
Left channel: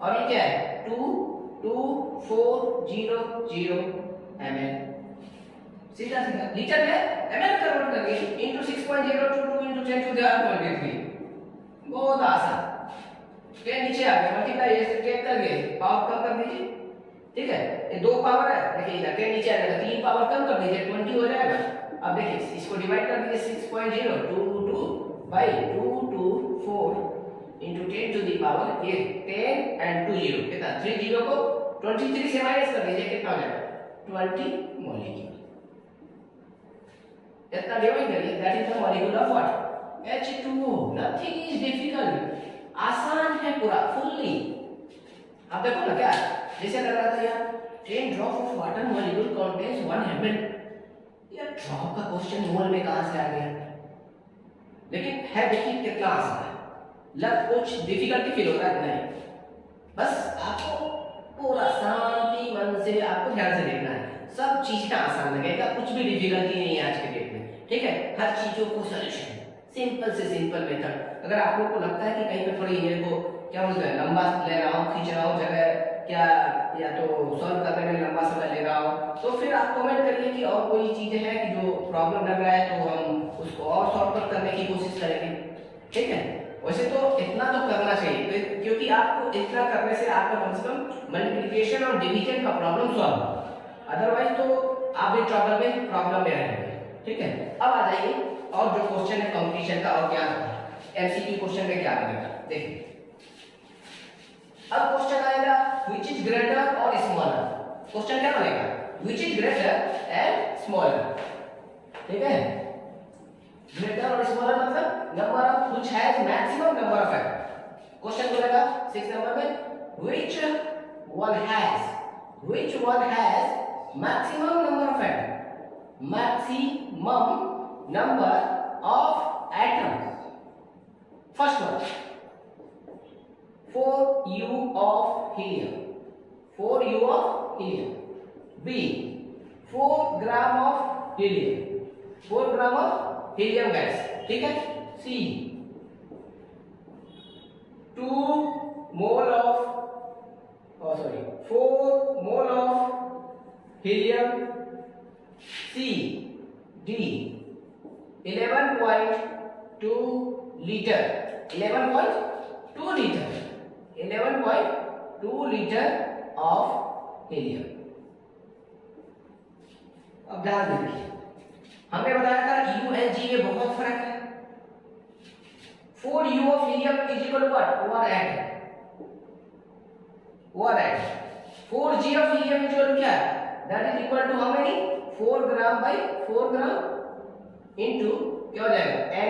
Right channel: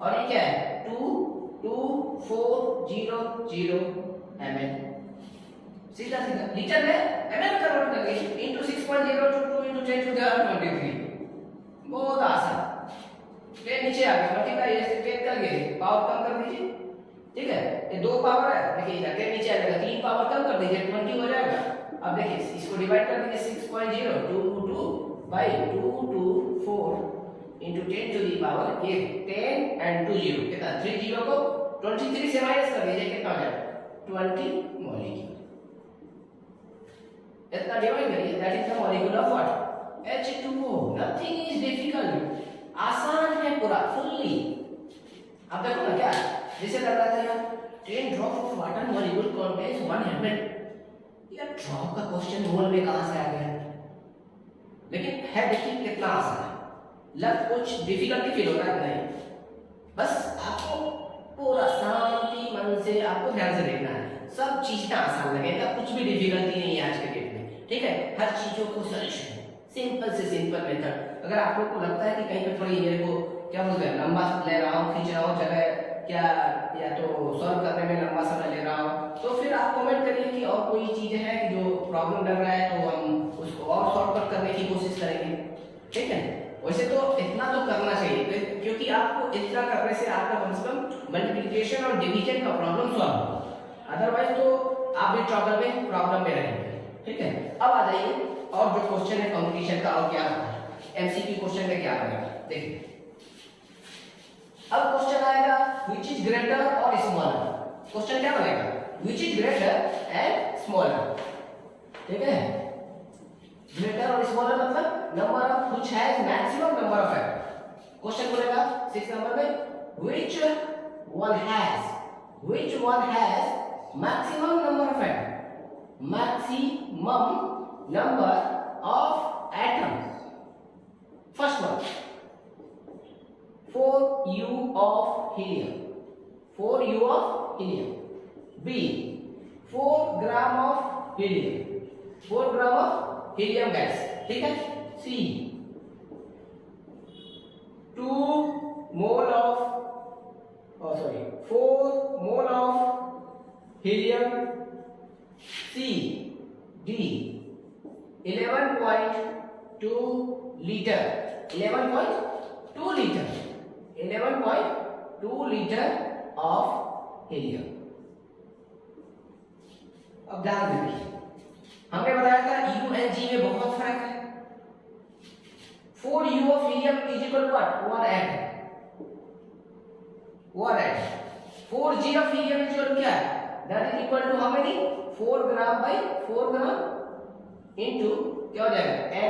और ये क्या है 22400 ml, सीधा सीधा लीटर में ml कन्वर्ट करके into 6.022 into 10 to the power 23, बहुत आसान। फिर नीचे आ गया मल्टीप्लाई, ऐसे चेक करके पावर कम कर दीजिए, ठीक है। ये दो पावर है, देखिए इधर के नीचे आ जाएगा, तीन पावर कम कर दीजिए 20 हो जाएगा। अब देखिए इसको डिवाइड कर दीजिए 6.022 by 224 into 10 to the power 10 and 2 0 कितना, 3 0 को 23 से माइनस कर दीजिए, कितना हो जाएगा 20 मॉलिक्यूल। इतना डिवाइड करिए, that is the molecule of what, H2O। Nothing is difficult, आसान है पूरा फुल्ली। अब देखो ना क्या है, जैसे लग रहा था यार 10 drop of water molecule contains 1 ml, यार ड्रॉप का क्वेश्चन मोल में कहां से आ गया, लेकिन है देखिए कितना आसान है, लग कुछ डिफिकल्टी फील होता है नहीं, बस आपको पूरा शांति मन से आपको ध्यान से देखना है, सब चीजें आसान लगेगा, कुछ भी डिफिकल्टी नहीं है आज के डेट में, ठीक है। हर चीजों को सॉल्यूशन सिंपल से सिंपल मेथड। अगर आप लोग को लगता है कि कहीं पे थोड़ी मेरे को क्या बोलते हैं लंबा ले रहा हूँ, खींच रहा हूँ जगह, क्या या तो सॉल्व करने में लंबा समय ले रहा हूँ, तो फिर आप कमेंट करिए कि और कोई चीजें हैं कि जो प्रॉब्लम लग रहा है, तो हम उसको और सॉल्व करने की कोशिश करेंगे, ठीक है। वैसे तो इतना तो करना चाहिए, क्योंकि आपको इतना करने से आपका कम से कम मल्टीप्लिकेशन और डिवीजन का प्रॉब्लम सॉल्व होगा, अदरवाइज तो आप भी प्रॉब्लम में रहेंगे, ठीक है। अब आ जाइए और जो क्वेश्चन है कंपटीशन का, और क्या एमसीक्यू क्वेश्चन में क्या बनेगा देखिए। अब क्वेश्चन आएगा व्हिच इज ग्रेटर और स्मॉलर, क्वेश्चन क्या बनेगा which is greater and smaller, ठीक है। ग्रेटर और स्मॉलर मतलब number of which has maximum number of atom, question बोलेगा 6 नंबर में which one has maximum number of atom, maximum number of atoms, first one 4u of helium, 4u of helium, b 4 gram of helium, 4 gram of helium gas, ठीक है। c 2 mole of 4 mole of helium, C, D 11.2 liter, 11.2 liter, 11.2 liter of helium। अब ध्यान दीजिए, हमने बताया था U and G में बहुत फर्क है। 4U of helium is equal to what? 1 atom। 4G of helium is equal to क्या? That is equal to how many? 4 gram by 4 gram into क्या हो जाएगा Na,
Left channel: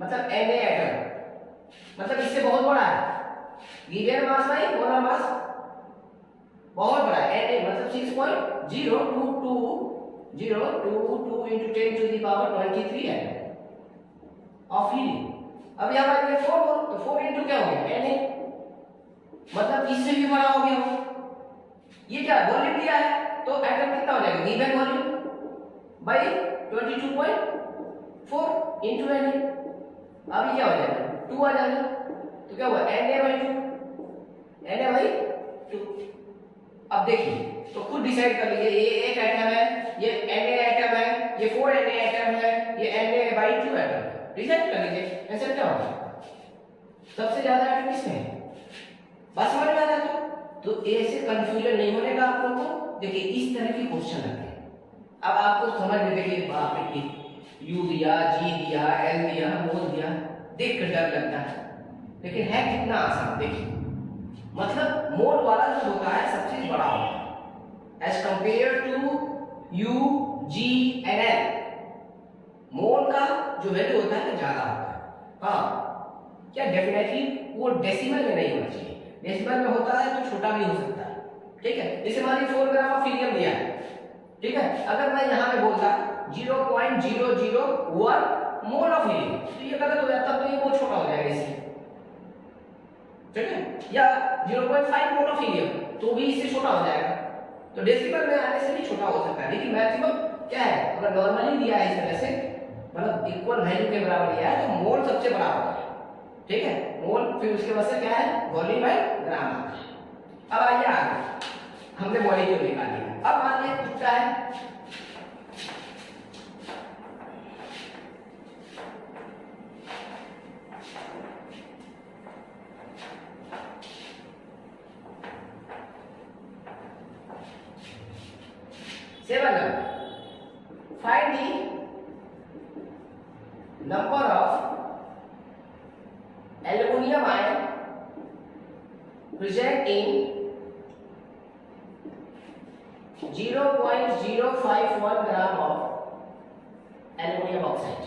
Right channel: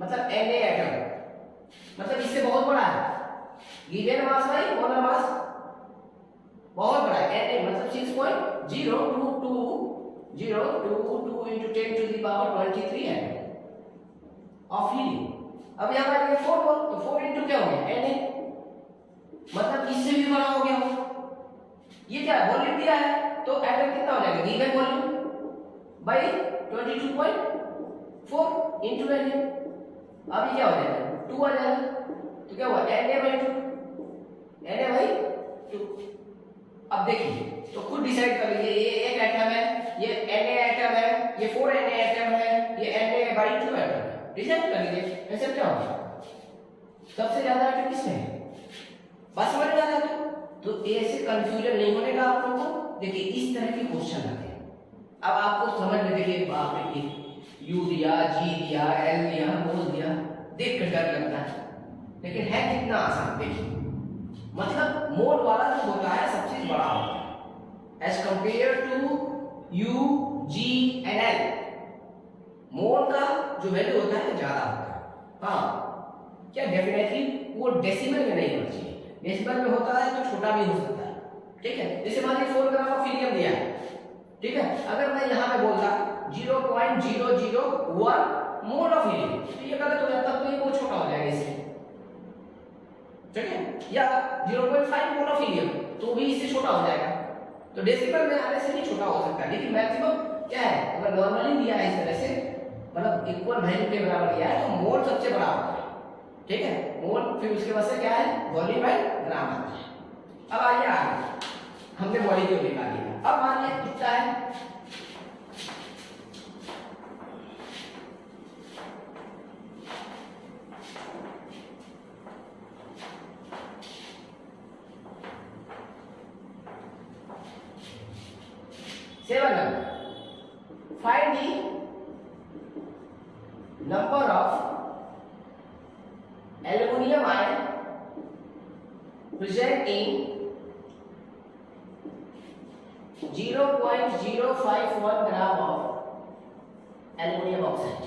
मतलब Na एटम, मतलब इससे बहुत बड़ा है, गिवन मास बाई मोलर मास बहुत बड़ा है, Na मतलब 6.0222 into 10 to the power 23 atom of helium. अब यहाँ पर 4 मोल, तो 4 इनटू क्या हो गया Na, मतलब इससे भी बड़ा हो गया, ये क्या वॉल्यूम दिया है, तो एटम कितना हो जाएगा given volume by 22.4 into Na, अभी क्या हो जाएगा 2 आ जाएगा, तो क्या हुआ Na/2। अब देखिए तो खुद डिसाइड कर लीजिए, ये एक एटम है, ये Na एटम है, ये 4 Na एटम है, ये Na/2 एटम है, डिसाइड कर लीजिए आंसर क्या होगा, सबसे ज्यादा एटम किसमें है, बस समझ में आ जाता। तो ऐसे कंफ्यूजन नहीं होने का आप लोगों को, देखिए इस तरह के क्वेश्चन आते हैं। अब आपको समझ में, देखिए बाप रे, U दिया, G दिया, L दिया, मोल दिया, देख कर डर लगता है, लेकिन है कितना आसान देखिए, मतलब मोल वाला जो होता है सब चीज बड़ा होता है as compare to U G and L. Mole का जो वैल्यू होता है ज्यादा होता है। हाँ क्या डेफिनेटली वो डेसिमल में नहीं होना चाहिए, डेसिमल में होता है तो छोटा भी हो सकता है, ठीक है। जैसे मान लीजिए 4 ग्राम ऑफ हीलियम दिया है, ठीक है, अगर मैं यहाँ पे बोलता 0.001 मोल ऑफ हीलियम तो ये गलत हो जाता, तो ये बहुत छोटा हो जाएगा इससे, ठीक है, या 0.5 मोल ऑफ हीलियम तो भी इससे छोटा हो जाएगा। तो डेसिमल में आने से भी छोटा हो सकता है, लेकिन मैक्सिमम क्या है, अगर नॉर्मली दिया है इस तरह से, मतलब इक्वल वैल्यू के बराबर दिया है तो मोल सबसे बड़ा होता है, ठीक है, मोल, फिर उसके बाद से क्या है वॉल्यूम बाय ग्राम आता है। अब आइए आगे, हमने मॉलिक्यूल निकाल लिया। अब मान लें कितना है, find the number of aluminum ion present in 0.051 gram of aluminum oxide.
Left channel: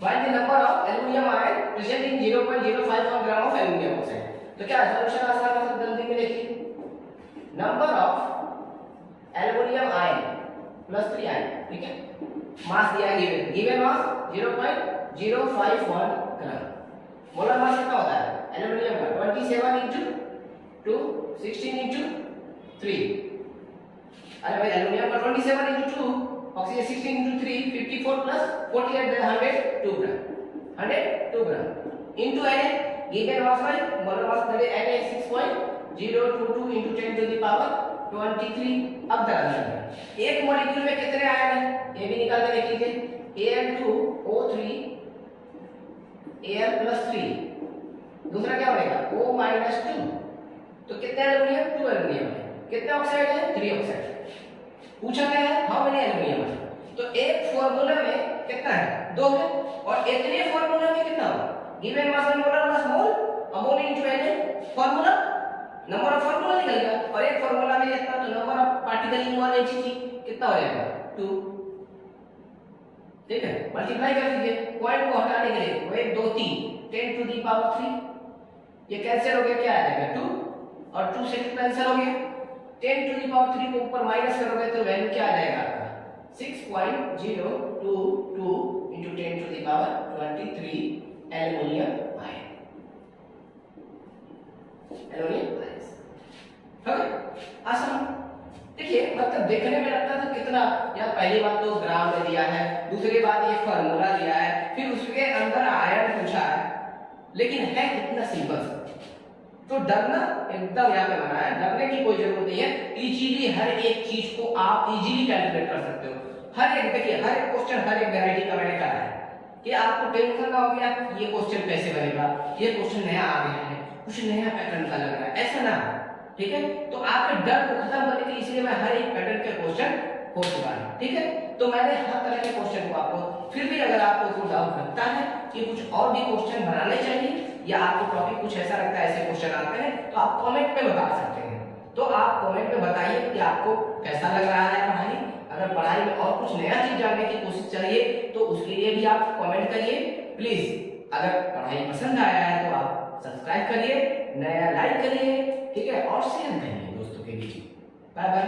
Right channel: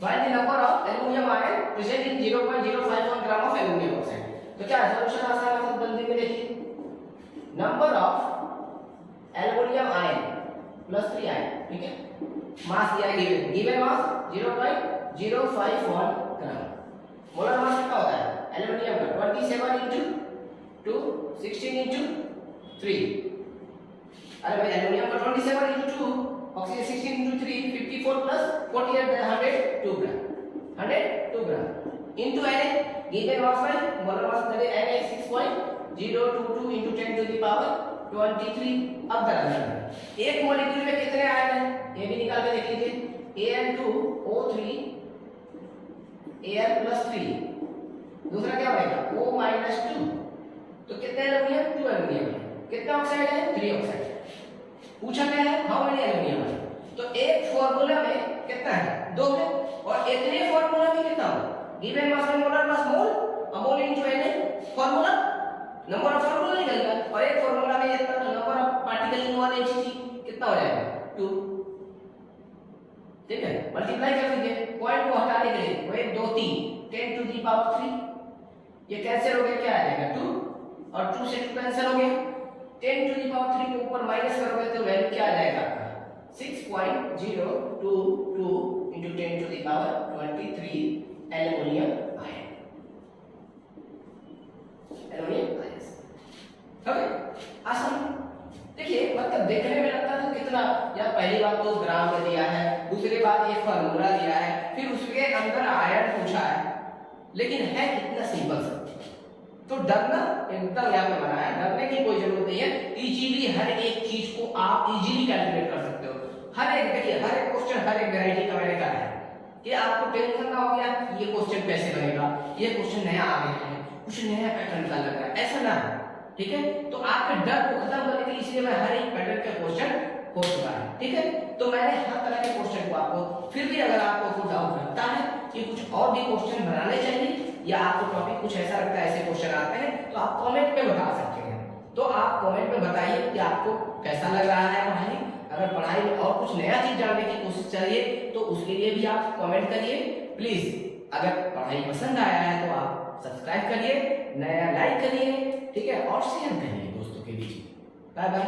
Find the number of aluminum ion present in 0.051 gram of aluminum oxide. तो क्या सॉल्यूशन आसान है, जल्दी में देखिए, number of aluminium ion plus 3 ion, ठीक है, मास दिया गिवन मास 0.051 ग्राम। मोलर मास कितना होता है एल्युमिनियम का 27 into 2 16 into 3, अरे भाई एल्युमिनियम का 27 into 2 oxygen 16 into 3 54 plus 48 then 102 gram, 102 gram into Na given mass by molar मास करे Na 6.022 into 10 to the power 23। अब दर्ज एक मॉलिक्यूल में कितने आयन हैं ये भी निकाल के देख लीजिए, Al2O3 Al+3, दूसरा क्या बनेगा O-2, तो कितने एल्युमिनियम 2 एल्युमिनियम है, कितने ऑक्साइड है 3 ऑक्साइड, पूछा क्या है हाउ मेनी एल्युमिनियम है, तो एक फार्मूला में कितना है 2 है, और इतने फार्मूला में कितना होगा given mass by molar mass mole mole into Na formula, number of formula निकल गया, और एक फार्मूला में इतना तो number of particle in one Hg कितना हो जाएगा 2, ठीक है, मल्टीप्लाई कर दीजिए, पॉइंट को हटाने के लिए 1 2 3 10 to the power 3, ये कैंसिल हो गया, क्या आ जाएगा 2 और 2 से 2 कैंसिल हो गया, 10 to the power 3 को ऊपर माइनस करोगे तो वैल्यू क्या आ जाएगा आपका 6.022 into 10 to the power 23 aluminium ion, aluminium ion. Okay आसान, देखिए मतलब देखने में लगता था कितना यार, पहली बात तो ग्राम में दिया है, दूसरी बात ये फार्मूला दिया है, फिर उसके अंदर आयन पूछा है, लेकिन है कितना सिंपल सा, तो डरना एकदम यहाँ पे मना है, डरने की कोई जरूरत नहीं है, इजीली हर एक चीज को आप इजीली कैलकुलेट कर सकते हो, हर एक देखिए हर एक क्वेश्चन हर एक वैरायटी का मैंने करा है कि आपको टेंशन ना हो गया ये क्वेश्चन कैसे बनेगा, ये क्वेश्चन नया आ गया है, कुछ नया पैटर्न का लग रहा है, ऐसा ना, ठीक है, तो आपके डर को खत्म करने के लिए इसलिए मैं हर एक पैटर्न के क्वेश्चन हो चुका है, ठीक है, तो मैंने हर तरह के क्वेश्चन को आपको, फिर भी अगर आपको कोई डाउट लगता है कि कुछ और भी क्वेश्चन बनाने चाहिए या आपको टॉपिक कुछ ऐसा लगता है ऐसे क्वेश्चन आते हैं तो आप कमेंट में बता सकते हैं, तो आप कमेंट में बताइए कि आपको कैसा लग रहा है पढ़ाई, अगर पढ़ाई में और कुछ नया चीज जानने की कोशिश चाहिए तो उसके लिए भी आप कमेंट करिए प्लीज। अगर पढ़ाई पसंद आया है तो आप सब्सक्राइब करिए, नया लाइक करिए, ठीक है, और शेयर करिए दोस्तों के बीच। Bye bye.